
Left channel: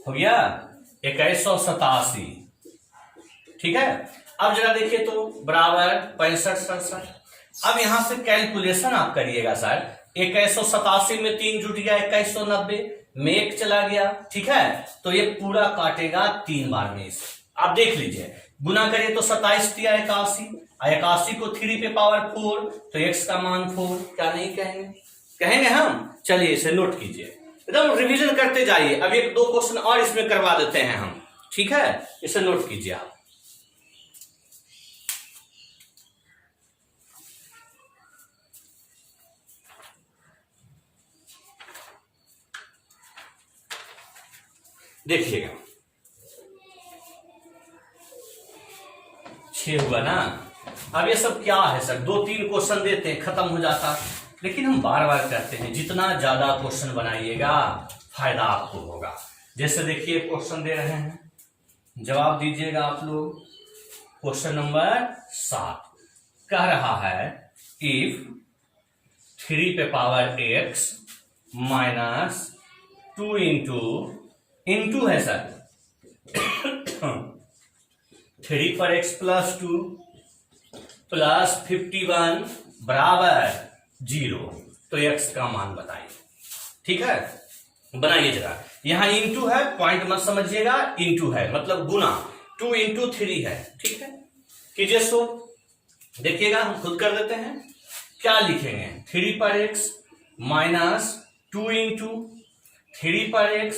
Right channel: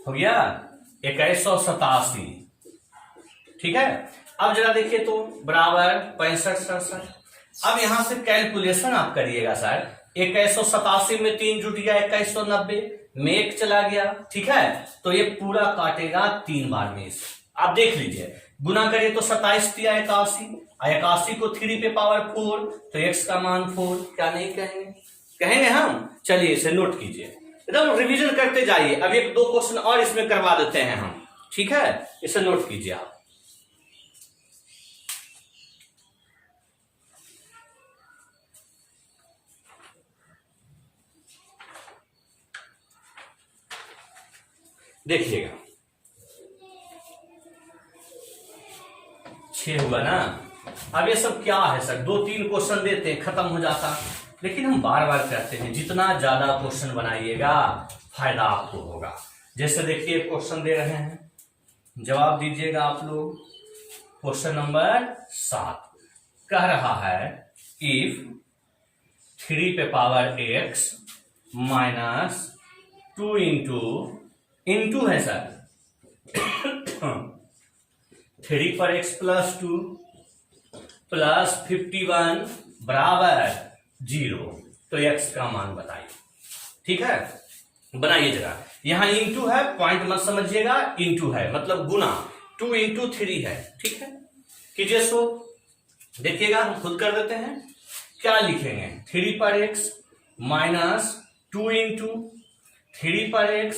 हो गया 2187, ठीक है। अब जरा देखिए तो बराबर 65 67। अब यहां से कैलकुलेशन आप करिएगा सर। 2187 में 3 जुट गया 2190 में 1 चला गया, ठीक है। तो ये पूरा काटेगा 3 बार में इसे। आप देख लीजिए गुना करिए तो 27 दिया 81, 81 को 3 पे पावर 4 तो x का मान 4। क्या नहीं कहेंगे हम। चलिए इसे नोट कीजिए, एकदम रिवीजन करते जाइए। अब 1-2 क्वेश्चन और इसमें करवा देते हैं हम, ठीक है। इसे नोट कीजिए आप। देखिएगा 6 हुआ ना। अब ये सब क्या है सर, 2-3 क्वेश्चन देते हैं खत्म हो जाता, लेकिन हम बार बार कहते हैं जितना ज्यादा क्वेश्चन बनाइएगा फायदा आपको होगा। जैसे देखिए क्वेश्चन दे रहे हैं, जवाब दीजिएगा आप लोग। क्वेश्चन नंबर 7 कह रहा है इफ 3 पे पावर x -2 इंटू है सर 3 पर x +2 +51 बराबर 0, तो x का मान बताइए, ठीक है। बनाइए जरा। यहां इंटू है, पॉइंट मत समझिएगा, इंटू है मतलब गुना, 2 × 3 है, ठीक है। कीजिए सो, देखिएगा हम खुद कर देते हैं। क्या लिखेंगे 3 पर x -2 इंटू 3 पर x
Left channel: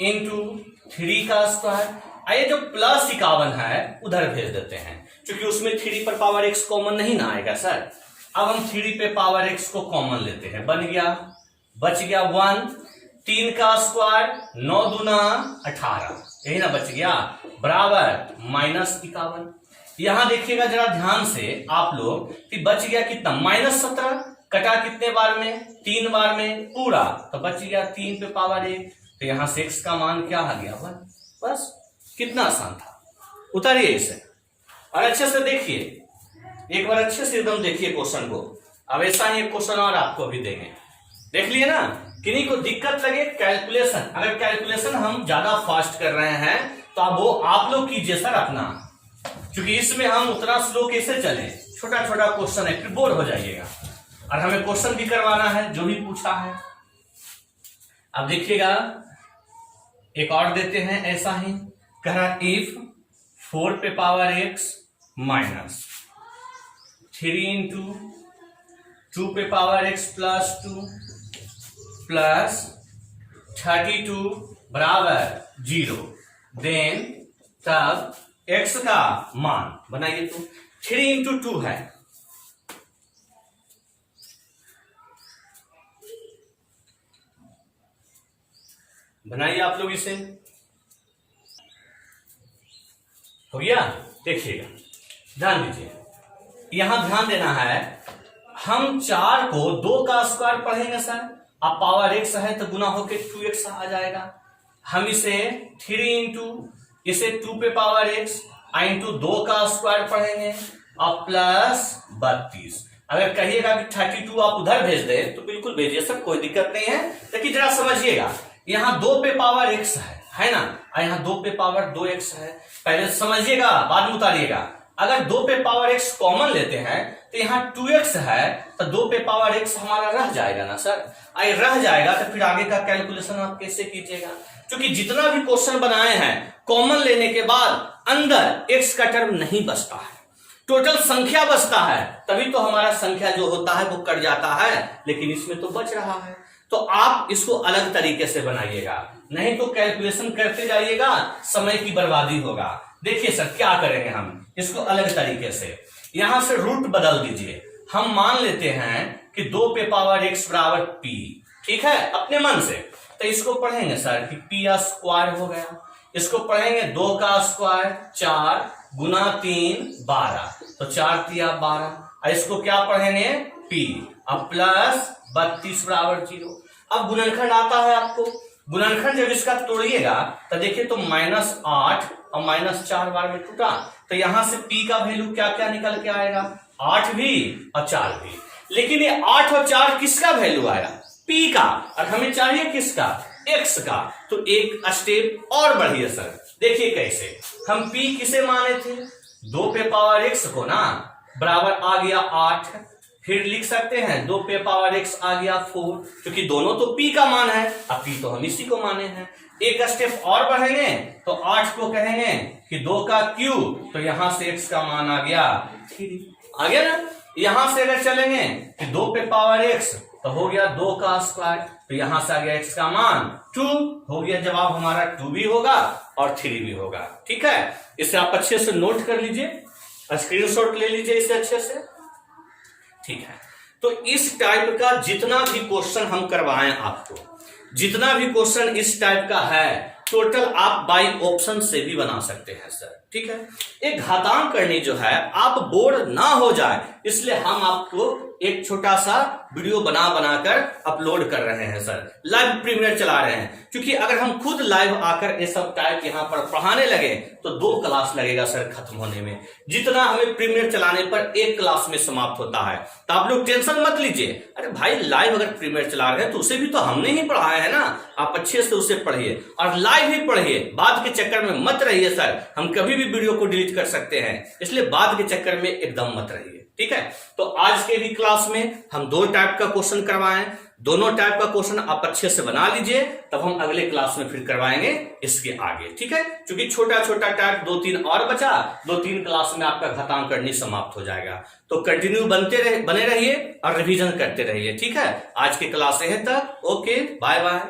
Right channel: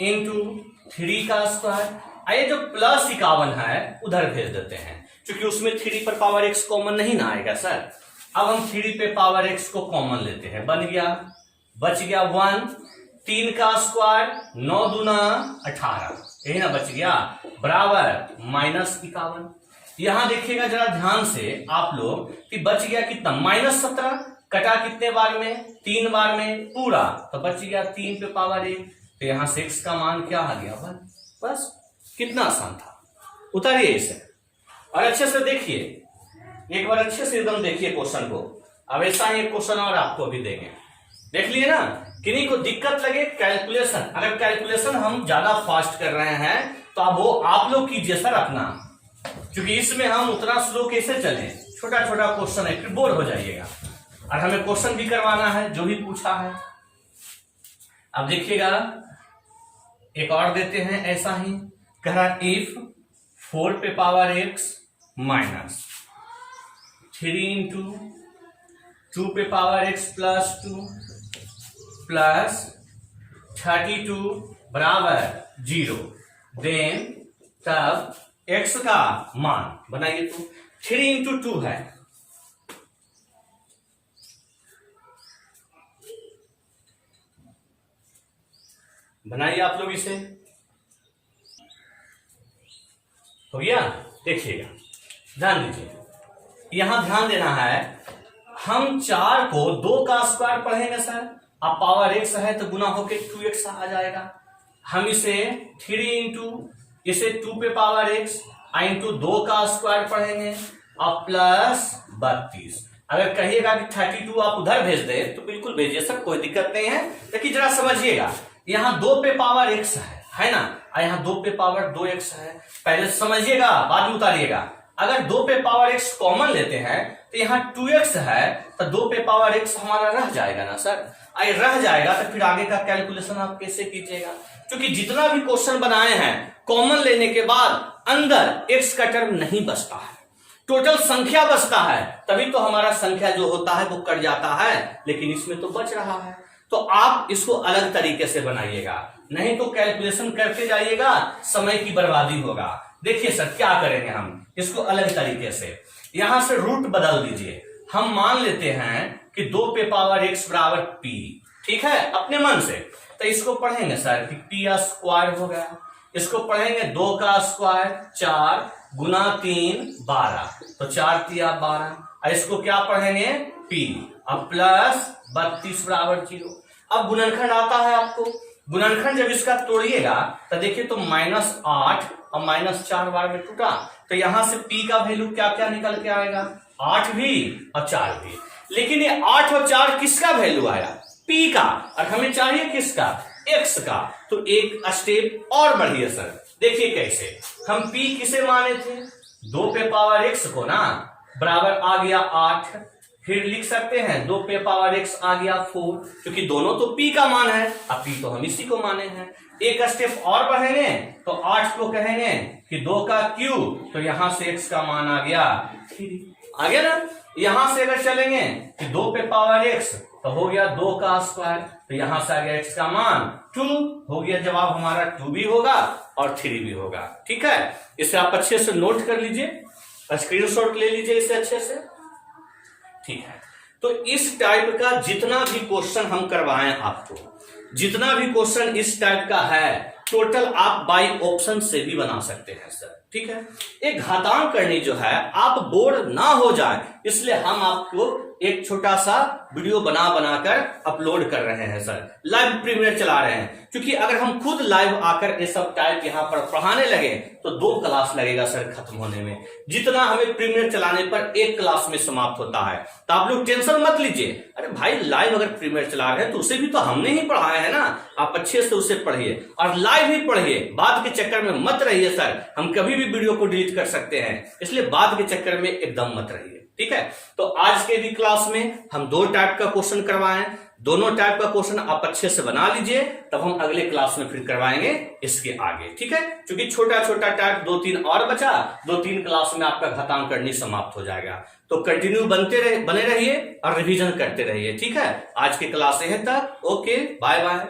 इंटू 3 का स्क्वायर। आइए जो +51 है उधर भेज देते हैं, क्योंकि उसमें 3 पर पावर x कॉमन नहीं ना आएगा सर। अब हम 3 पे पावर x को कॉमन लेते हैं, बन गया, बच गया 1, 3 का स्क्वायर 9 दूना 18, यही ना बच गया, बराबर -51। यहां देखिएगा जरा ध्यान से आप लोग कि बच गया कितना -17, कटा कितने बार में 3 बार में पूरा, तो बच गया 3 पे पावर 1, तो यहां से x का मान क्या आ गया 1। बस कितना आसान था। उतारिए इसे और अच्छे से देखिए, एक बार अच्छे से एकदम देखिए क्वेश्चन को। अब ऐसा ही एक क्वेश्चन और आपको अभी देंगे, देख लिए ना। किन्हीं को दिक्कत लगे कैलकुलेशन, अगर कैलकुलेशन हम ज्यादा फास्ट कर रहे हैं तो अब वो आप लोग कीजिए सर अपना, क्योंकि इसमें हम उतना स्लो कैसे चले, छोटा छोटा क्वेश्चन है, फिर बोर हो जाइएगा। और हमें क्वेश्चन भी करवाना है जो भी पूछा है। अब देखिएगा एक और देते हैं ऐसा ही, कह रहा इफ 4 पे पावर x -3 इंटू 2 पे पावर x +2 +32 बराबर 0, देन तब x का मान बनाइए तो 3 × 2 है, बनाइए आप लोग इसे। हो गया, देखिएगा ध्यान दीजिए, यहां ध्यान देना है। हम 4 को 2 का स्क्वायर पढ़ेंगे सर, अब पावर x है तो गुना होके 2x आ जाएगा। हम इसे 3 इंटू इसे 2 पे पावर x इंटू 2 का स्क्वायर पढ़ेंगे, अब +32। अगर कहिएगा कि 32 आप उधर भेज दे तो बिल्कुल भेजिए सर, कोई दिक्कत नहीं है। लेकिन जरा समझिएगा, यहाँ 2 पे पावर x है ना, और यहाँ 2 पे पावर 2x है। पहले समझिएगा बाद में उतारिएगा। अगर 2 पे पावर x कॉमन लेते हैं तो यहाँ 2x है, तो 2 पे पावर x हमारा रह जाएगा ना सर। अगर रह जाएगा तो फिर आगे का कैलकुलेशन आप कैसे कीजिएगा, क्योंकि जितना भी क्वेश्चन बनाए हैं कॉमन लेने के बाद अंदर x का टर्म नहीं बचता है, टोटल संख्या बचता है, तभी तो हमारा संख्या जो होता है वो कट जाता है, लेकिन इसमें तो बच रहा है। तो आप इसको अलग तरीके से बनाइएगा। नहीं तो कैलकुलेशन करते जाइएगा, समय की बर्बादी होगा। देखिए सर क्या करेंगे हम इसको अलग तरीके से, यहां से रूट बदल दीजिए। हम मान लेते हैं कि 2 पे पावर x बराबर p, ठीक है, अपने मन से। तो इसको पढ़ेंगे सर कि p स्क्वायर हो गया, इसको पढ़ेंगे 2 का स्क्वायर 4 गुना 3 12, तो 4 तिया 12, और इसको क्या पढ़ेंगे p, अब प्लस 32 बराबर 0। अब गुणनखंड आता है आपको, गुणनखंड जब इसका तोड़िएगा तो देखिए तो -8 और -4 बार में टूटा, तो यहां से p का वैल्यू क्या क्या निकल के आएगा, 8 भी और 4 भी। लेकिन ये 8 और 4 किसका वैल्यू आया, p का, और हमें चाहिए किसका, x का। तो एक स्टेप और बढ़िए सर, देखिए कैसे, हम p किसे माने थे, 2 पे पावर x को ना, बराबर आ गया 8, फिर लिख सकते हैं 2 पे पावर x आ गया 4, क्योंकि दोनों तो p का मान है, अब p तो हम इसी को माने हैं। एक स्टेप और बढ़ेंगे तो 8 को कहेंगे कि 2 का क्यूब, तो यहां से x का मान आ गया 3, आ गया ना। यहां से अगर चलेंगे कि 2 पे पावर x तो हो गया 2 का स्क्वायर, तो यहां से आ गया x का मान 2, हो गया जवाब हमारा 2 भी होगा और 3 भी होगा। ठीक है, इसे आप अच्छे से नोट कर लीजिए, स्क्रीनशॉट ले लीजिए इसे अच्छे से। ठीक है, तो इस टाइप का जितना भी क्वेश्चन हम करवाएं आपको, जितना भी क्वेश्चन इस टाइप का है, टोटल आप बाय ऑप्शन से भी बना सकते हैं सर। ठीक है, एक घातांक करनी जो है आप बोर ना हो जाए, इसलिए हम आपको एक छोटा सा वीडियो बना बनाकर अपलोड कर रहे हैं सर, लाइव प्रीमियर चला रहे हैं। क्योंकि अगर हम खुद लाइव आकर ये सब टाइप यहाँ पर पढ़ाने लगे तो 2 क्लास लगेगा सर खत्म होने में, जितना हमें प्रीमियर चलाने पर 1 क्लास में समाप्त होता है। तो आप लोग टेंशन मत लीजिए, अरे भाई लाइव अगर प्रीमियर चला रहे हैं तो उसे भी तो हमने ही पढ़ाया है ना, आप अच्छे से उसे पढ़िए और लाइव ही पढ़िए, बाद के चक्कर में मत रहिए सर, हम कभी भी वीडियो को डिलीट कर सकते हैं, इसलिए बाद के चक्कर में एकदम मत रहिए। ठीक है, तो आज के भी क्लास में हम 2 टाइप का क्वेश्चन करवाएं, दोनों टाइप का क्वेश्चन आप अच्छे से बना लीजिए, तब हम अगले क्लास में फिर करवाएंगे इसके आगे। ठीक है, क्योंकि छोटा छोटा टाइप 2-3 और बचा, 2-3 क्लास में आपका घातांक करनी समाप्त हो जाएगा। तो कंटिन्यू बने रहिए और रिवीजन करते रहिए। ठीक है, आज की क्लास यहीं तक, ओके बाय बाय।